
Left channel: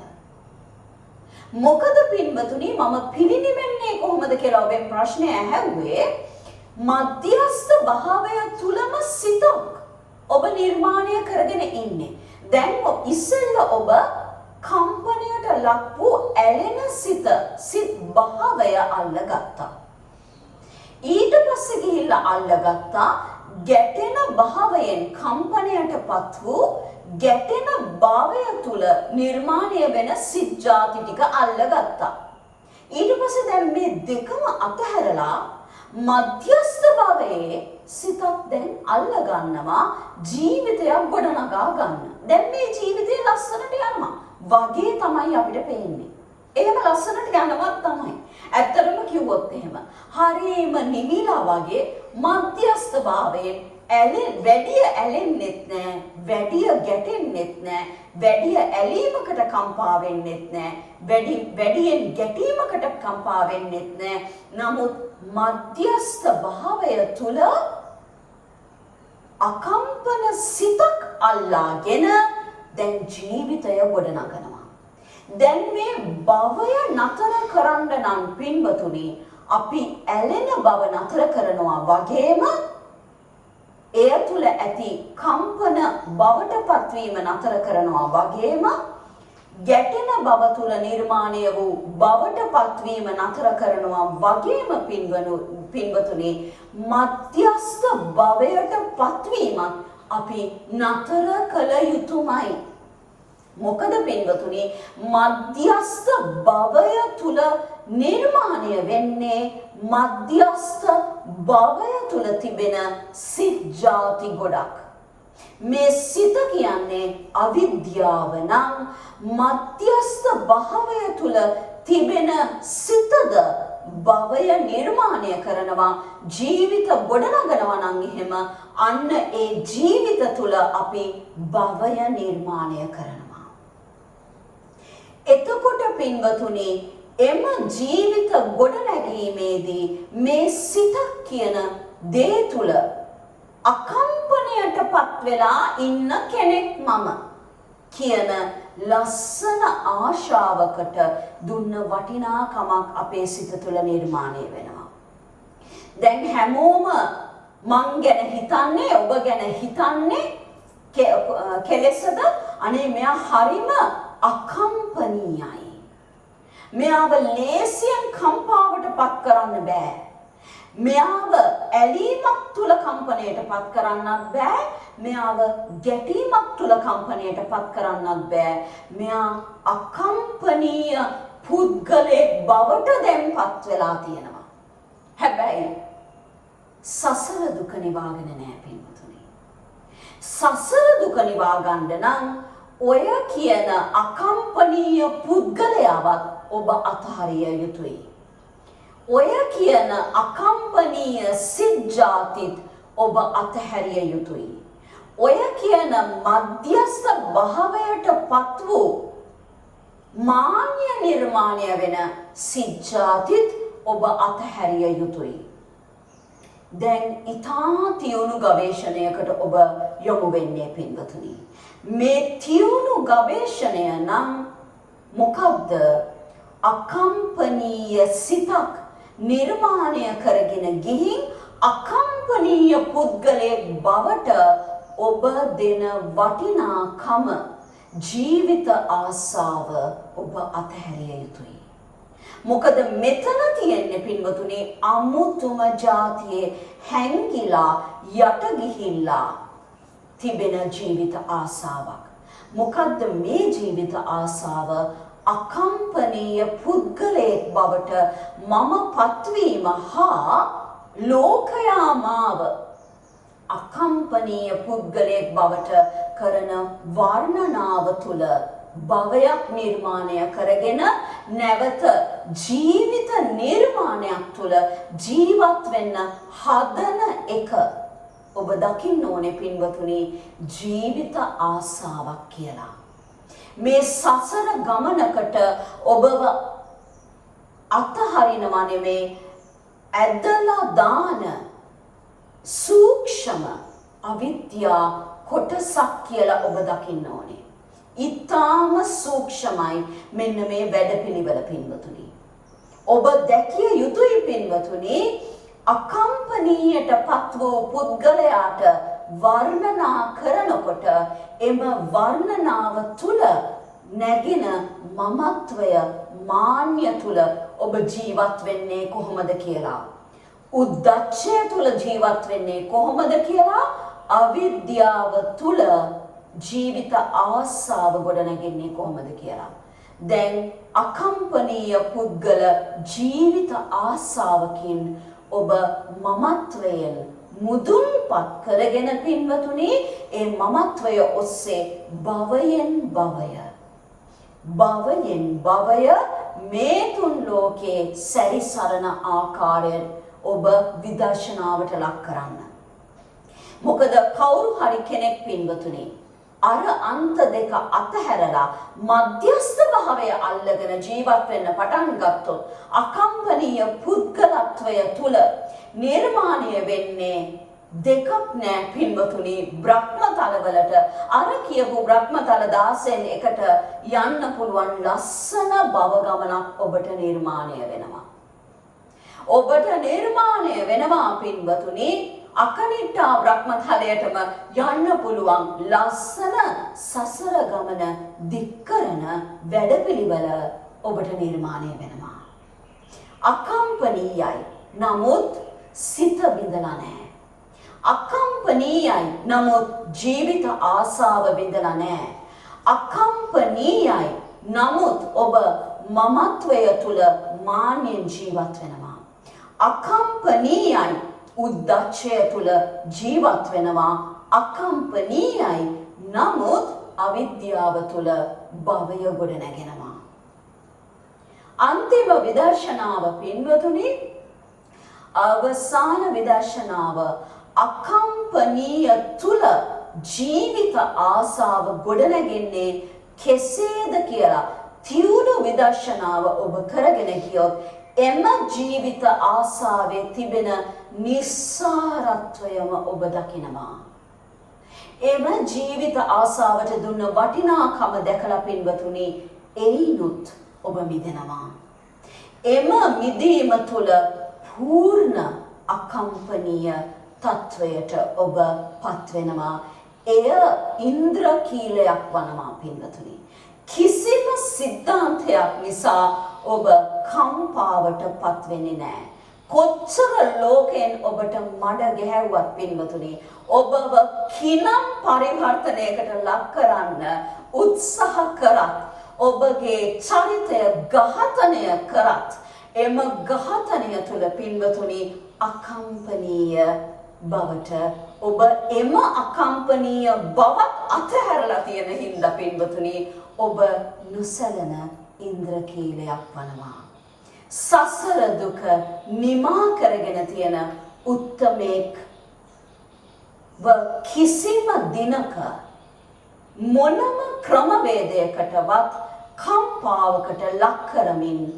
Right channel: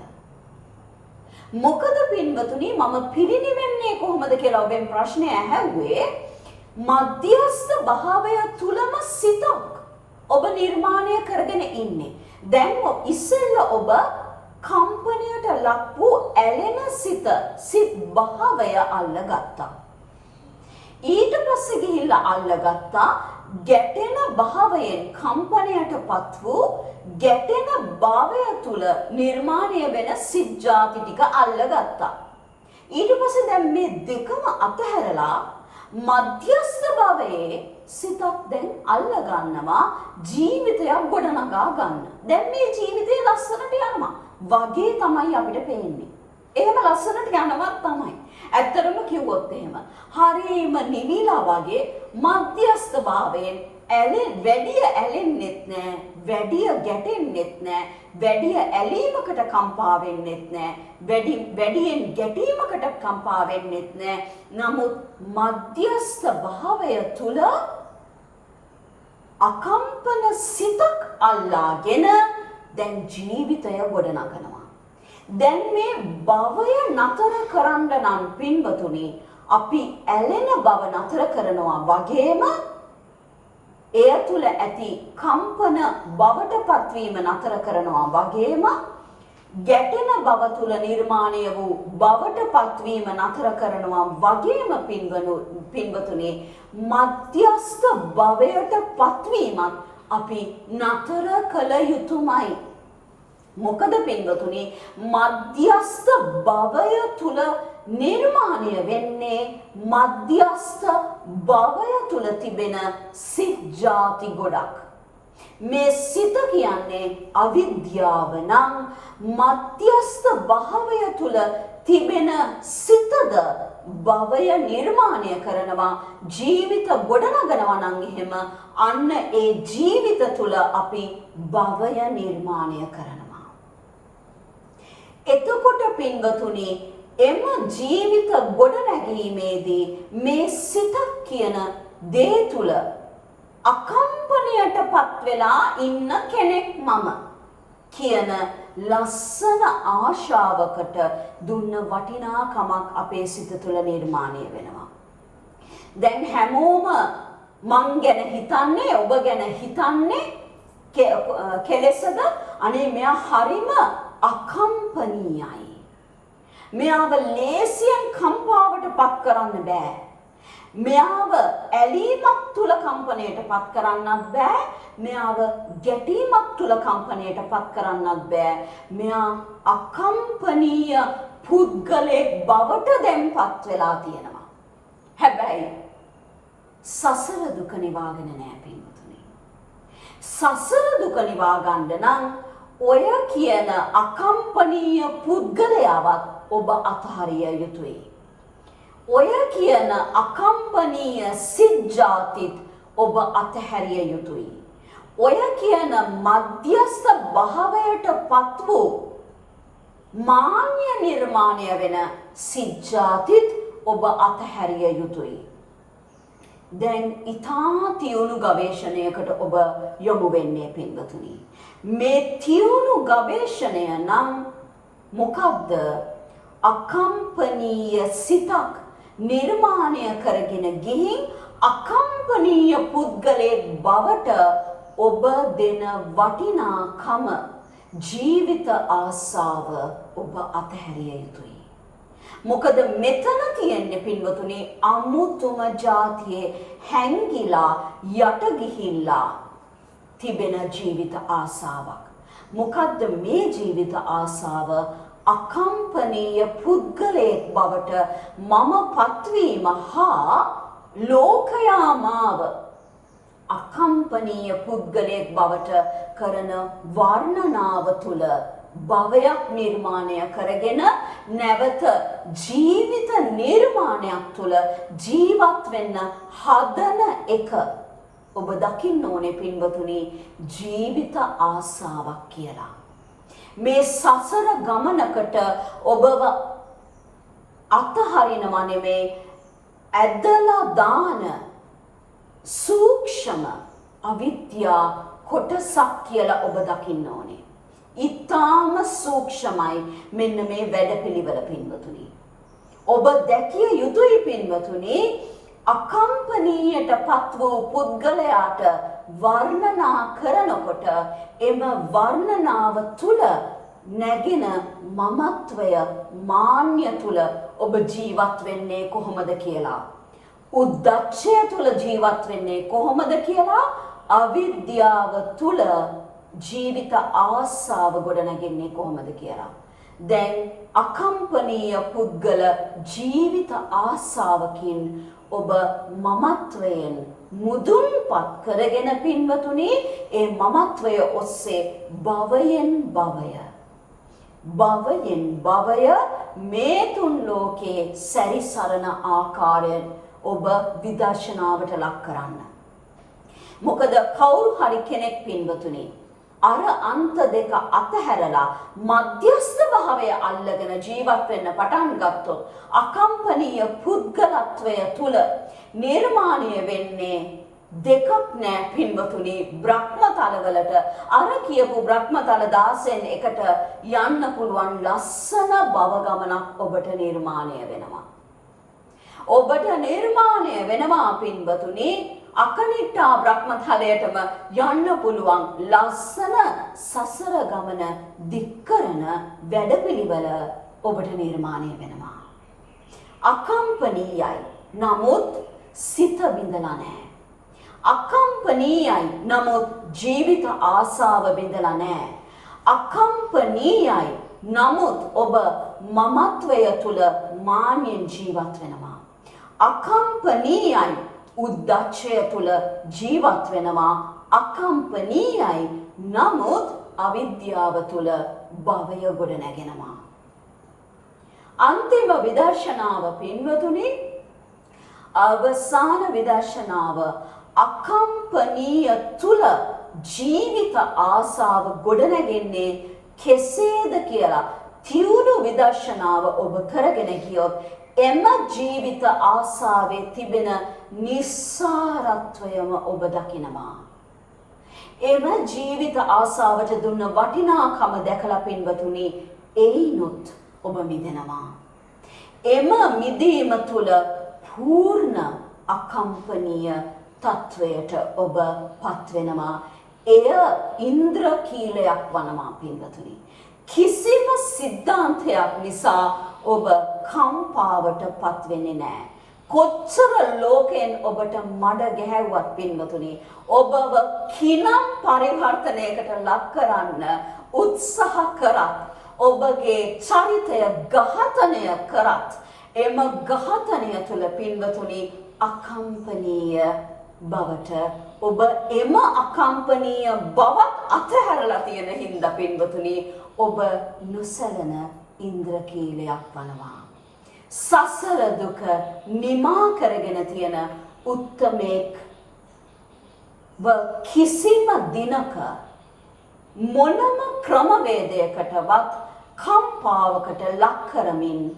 මොකද පින්වතුනි මම පිරිනිවෙන්නේ කොහොමද කියලා ඔබෙන් ප්‍රශ්නය ඇහුවේ. මධ්‍යස්ථ භාවය තුලම සිතක් ඔබ නිර්මාණය කරගෙන ඉන්නේ. දැන් ඉස්සෙල්ල ඔබ කම්පනයට ලක් වූ ඇලෙන සිත් භාවය අල්ලගත්තා. ඊට පස්සේ ගිහිල්ලා අල්ලගත්තා ගැටෙන භාවයෙන් කම්පනයටපත් වූ ගැටෙන භාවය තුල නිර්මාණය වෙන සිත් ಜಾති ටික අල්ලගත්තා. ඊට පස්සේ දැන් මේ දෙකම අතහැරලා මධ්‍යස්ථ භාවයේ සිතක් දැන් අල්ල ගන්නවා ජීවිතයක් ගොඩනගා ගන්න. දැන් මේ ජීවිතේ ලස්සනට යනවා වගේ තමයි අපිට පේන්නේ. ඒක ලස්සනට යනවා තමයි. ඇත්තටම කිව්වොත් එහෙම හරීම නිවිලා වගේ මධ්‍යස්ථ භාවයෙන් වැඩි ඇලෙන්නෙත් නෑ, වැඩි ගැටෙන්නෙත් නෑ, වැඩි ඇලීමකට කම්පා වෙන්නෙත් නෑ, වැඩියෙන් ගැටීමකට කම්පා වෙන්නෙත් නෑ. නමුත් මධ්‍යස්ථ භාවය තුල අකම්පන සිතක් අල්ලාගෙන දැන් ජීවිතය ගොඩනගනවා. දැන් මේ භවය නතර කරන්න නම් පින්වතුනි අපි ඇලෙන බව නතර කරනවා වගේම එය තුල ඇති කම්පන බවට පත්වීම නතර කරනවා වගේම ගැටෙන බව තුල නිර්මාණය වූ බවට පත්වීම නතර කරනවා වගේම පින්වතුනි මධ්‍යස්ථ භවයට පත්වීමත් අපි නතර කළ යුතුමයි. මොකද පින්වතුනි මධ්‍යස්ථ භවය තුල නිර්මාණය වෙන්නේ මධ්‍යස්ථ භවය තුල තිබෙන සිත් ಜಾති ගොඩක්. මේ සිත කියන්නේ අවිද්‍යාව නම් මධ්‍යස්ථ භාවය තුල තිබෙන සිතද භවය නිර්මාණය කරනවා ජීවිත ගොඩනගනවා නම් එහෙම අන්න ඒ ජීවිත තුල අපි භවය නිර්මාණය කරනවා. එතකොට පින්වතුනි එම ජීවිත ගොඩනැගීමේදී මේ සිත කියන දේ තුල අකම්පනයටපත් වෙලා ඉන්න කෙනෙක් මම කියන ලස්සන ආශාවකට දුන්න වටිනාකමක් අපේ සිත තුළ නිර්මාණය වෙනවා. දැන් හැමෝම මං ගැන හිතන්නේ ඔබ ගැන හිතන්නේ කෙලෙසද අනේ මෙයා හරිම අකම්පනීයයි. මෙයාව ලේසියෙන් කම්පාවට පත් කරන්න බෑ. මෙයාව ඇලීමක් තුල කම්පණයට පත් කරන්නත් බෑ. මෙයාව ගැටීමක් තුල කම්පණයට පත් කරන්නත් බෑ. මෙයා අකම්පනීය පුද්ගලයෙක් බවට දැන්පත් වෙලා තියෙනවා. හැබැයි සසර දුක නිවාගෙන නෑ පින්තුනි. සසර දුක නිවා ගන්න නම් ඔය කියන අකම්පනීය පුද්ගලයාවත් ඔබ අතහරිය යුතුයි. ඔය කියන අකම්පනීය සිත් ಜಾතිත් ඔබ අතහැරිය යුතුයි. ඔය කියන මධ්‍යස්ථ භාවයට පත් වූ මාන්‍ය නිර්මාණය වෙන සිත් ಜಾතිත් ඔබ අතහැරිය යුතුයි. දැන් ඊටා තියුණු ගවේෂණයකට ඔබ යොමු වෙන්නේ පින්වතුනි. මේ තියුණු ගවේෂණය නම් මොකක්ද? අකම්පනීය සිතක් නිර්මාණය කරගෙන ගිහින් අකම්පනීය පුද්ගලයෙක් බවට ඔබ දෙන වටිනාකම ජීවිත ආසාව ඔබ අතහැරිය යුතුයි. මොකද මෙතන තියෙන්නේ පින්වතුනි අමුතුම જાතියේ හැංගිලා යට ගිහිල්ලා තිබෙන ජීවිත ආසාවක්. මොකද්ද මේ ජීවිත ආසාව? අකම්පනීය පුද්ගලයෙක් බවට මම පත්වීම හා ලෝකයා මාව අකම්පනීය පුද්ගලයෙක් බවට කරන වර්ණනාව තුළ භවයක් නිර්මාණය කරගෙන නැවත ජීවිත නිර්මාණයක් තුළ ජීවත් වෙන්න හදන එක ඔබ දකින්න ඕනේ පින්වතුනි ජීවිත ආසාවක් කියලා. මේ සසර ගමනකට ඔබව අතහරිනවා නෙමේ ඇදලා දාන සූක්ෂම අවිද්‍යා කොටසක් කියලා ඔබ දකින්න ඕනේ. ඊටාම සූක්ෂමයි මෙන්න මේ වැඩපිළිවෙල පින්වතුනි. ඔබ දැකිය යුතුයි පින්වතුනි අකම්පනීයටපත් වූ පුද්ගලයාට වර්ණනා කරනකොට එම වර්ණනාව තුල නැගින මමත්වය මාන්‍ය තුල ඔබ ජීවත් වෙන්නේ කොහොමද කියලා. උද්දච්චය තුල ජීවත් වෙන්නේ කොහොමද කියලා. අවිද්‍යාව තුල ජීවිත ආසාව ගොඩනගන්නේ කොහොමද කියලා. දැන් අකම්පනීය පුද්ගල ජීවිත ආසාවකින් ඔබ මමත්වයෙන් මුදුන්පත් කරගෙන පින්වතුනි ඒ මමත්වය ඔස්සේ භවයෙන් භවය මේ තුන් ලෝකේ සැරිසරන ආකාරයෙන් ඔබ විදර්ශනාවට ලක් කරන්න. මොකද කවුරු හරි කෙනෙක් පින්වතුනි අර අන්ත දෙක අතහැරලා මධ්‍යස්ථ භාවය අල්ලගෙන ජීවත් වෙන්න පටන් ගත්තොත් අකම්පනීය පුද්ගලත්වය තුල නිර්මාණය වෙන්නේ දෙකක් නෑ පින්වතුනි. බ්‍රහ්මතලවලට අර කියපු බ්‍රහ්මතල 16න් එකට යන්න පුළුවන් ලස්සන භව ගමනක් ඔබට නිර්මාණය වෙනවා. ඔබට නිර්මාණය වෙනවා පින්වතුනි අකනිට්ඨා බ්‍රහ්මතලයටම යන්න පුළුවන් ලස්සන සසර ගමන දික් කරන වැඩපිළිවෙල ඔබට නිර්මාණය වෙනවා. අකම්පනීයයි නමුත් සිත බිඳලා නැහැ. අකම්පනීයයි නමුත් ජීවිත ආසාව බිඳලා නැහැ. අකම්පනීයයි නමුත් ඔබ මමත්වය තුල මාන්‍යයෙන් ජීවත් වෙනවා. අකම්පනීයයි උද්දච්චය තුල ජීවත් වෙනවා. අකම්පනීයයි නමුත් අවිද්‍යාව තුල භවය ගොඩ නැගෙනවා. අන්තිම විදර්ශනාව පින්වතුනි අවසාන විදර්ශනාව අකම්පනීය තුල ජීවිත ආසාව ගොඩ නැගෙන්නේ කෙසේද කියලා තියුණු විදර්ශනාව ඔබ කරගෙන ගියොත් එම ජීවිත ආසාවේ තිබෙන නිස්සාරත්වයම ඔබ දකිනවා. එම ජීවිත ආසාවට දුන්න වටිනාකම දැකලා පින්වතුනි එයිනුත් ඔබ මිදෙනවා. එම මිදීම තුළ පූර්ණ අකම්පනීය තත්වයට ඔබ පත් වෙනවා. එය ඉන්ද්‍රකීලයක් වනවා පින්වතුනි. කිසිම සිද්ධාන්තයක් නිසා ඔබ කම්පාවට පත් වෙන්නේ නැහැ. කොච්චර ලෝකයෙන් ඔබට මඩ ගැහැව්වත් පින්වතුනි ඔබව කිනම් පරිවර්තනයකට ලක් කරන්න උත්සාහ කරත් ඔබගේ චරිතය ඝාතනය කරත් එම ඝාතනය තුළ පින්වතුනි අකම්පනීය බවට ඔබ එම අකම්පනීය බවත් අතහැරලා තියෙන හින්දා පින්වතුනි ඔබ නොසැලෙන ඉන්ද්‍රකීලයක් වනවා. සසර දුක නිමා කරගෙන තියෙන උත්තමෙක් කිසිම දිනක මොනම ක්‍රමවේදයකටවත් කම්පාවකට ලක් කරමින්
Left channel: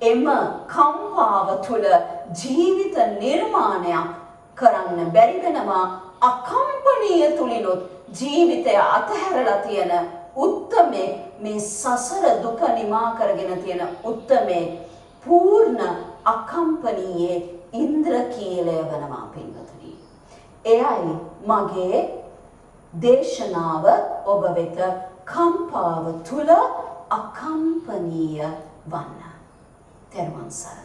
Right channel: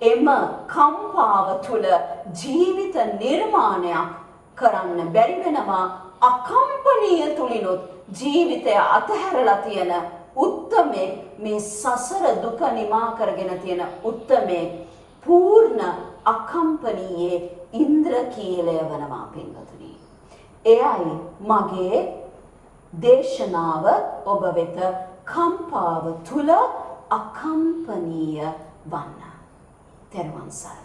එම කම්පාව තුළ ජීවිත නිර්මාණයක් කරන්න බැරි වෙනවා. අකම්පනීය තුලිනුත් ජීවිතය අතහැරලා තියෙන උත්තමේ මේ සසර දුක නිමා කරගෙන තියෙන උත්තමේ පූර්ණ අකම්පනීයේ ඉන්ද්‍රකීලය වනවා පින්වතුනි. එයයි මගේ දේශනාව ඔබ වෙත කම්පාව තුල අකම්පනීය වන්න. තෙරුවන් සරණයි.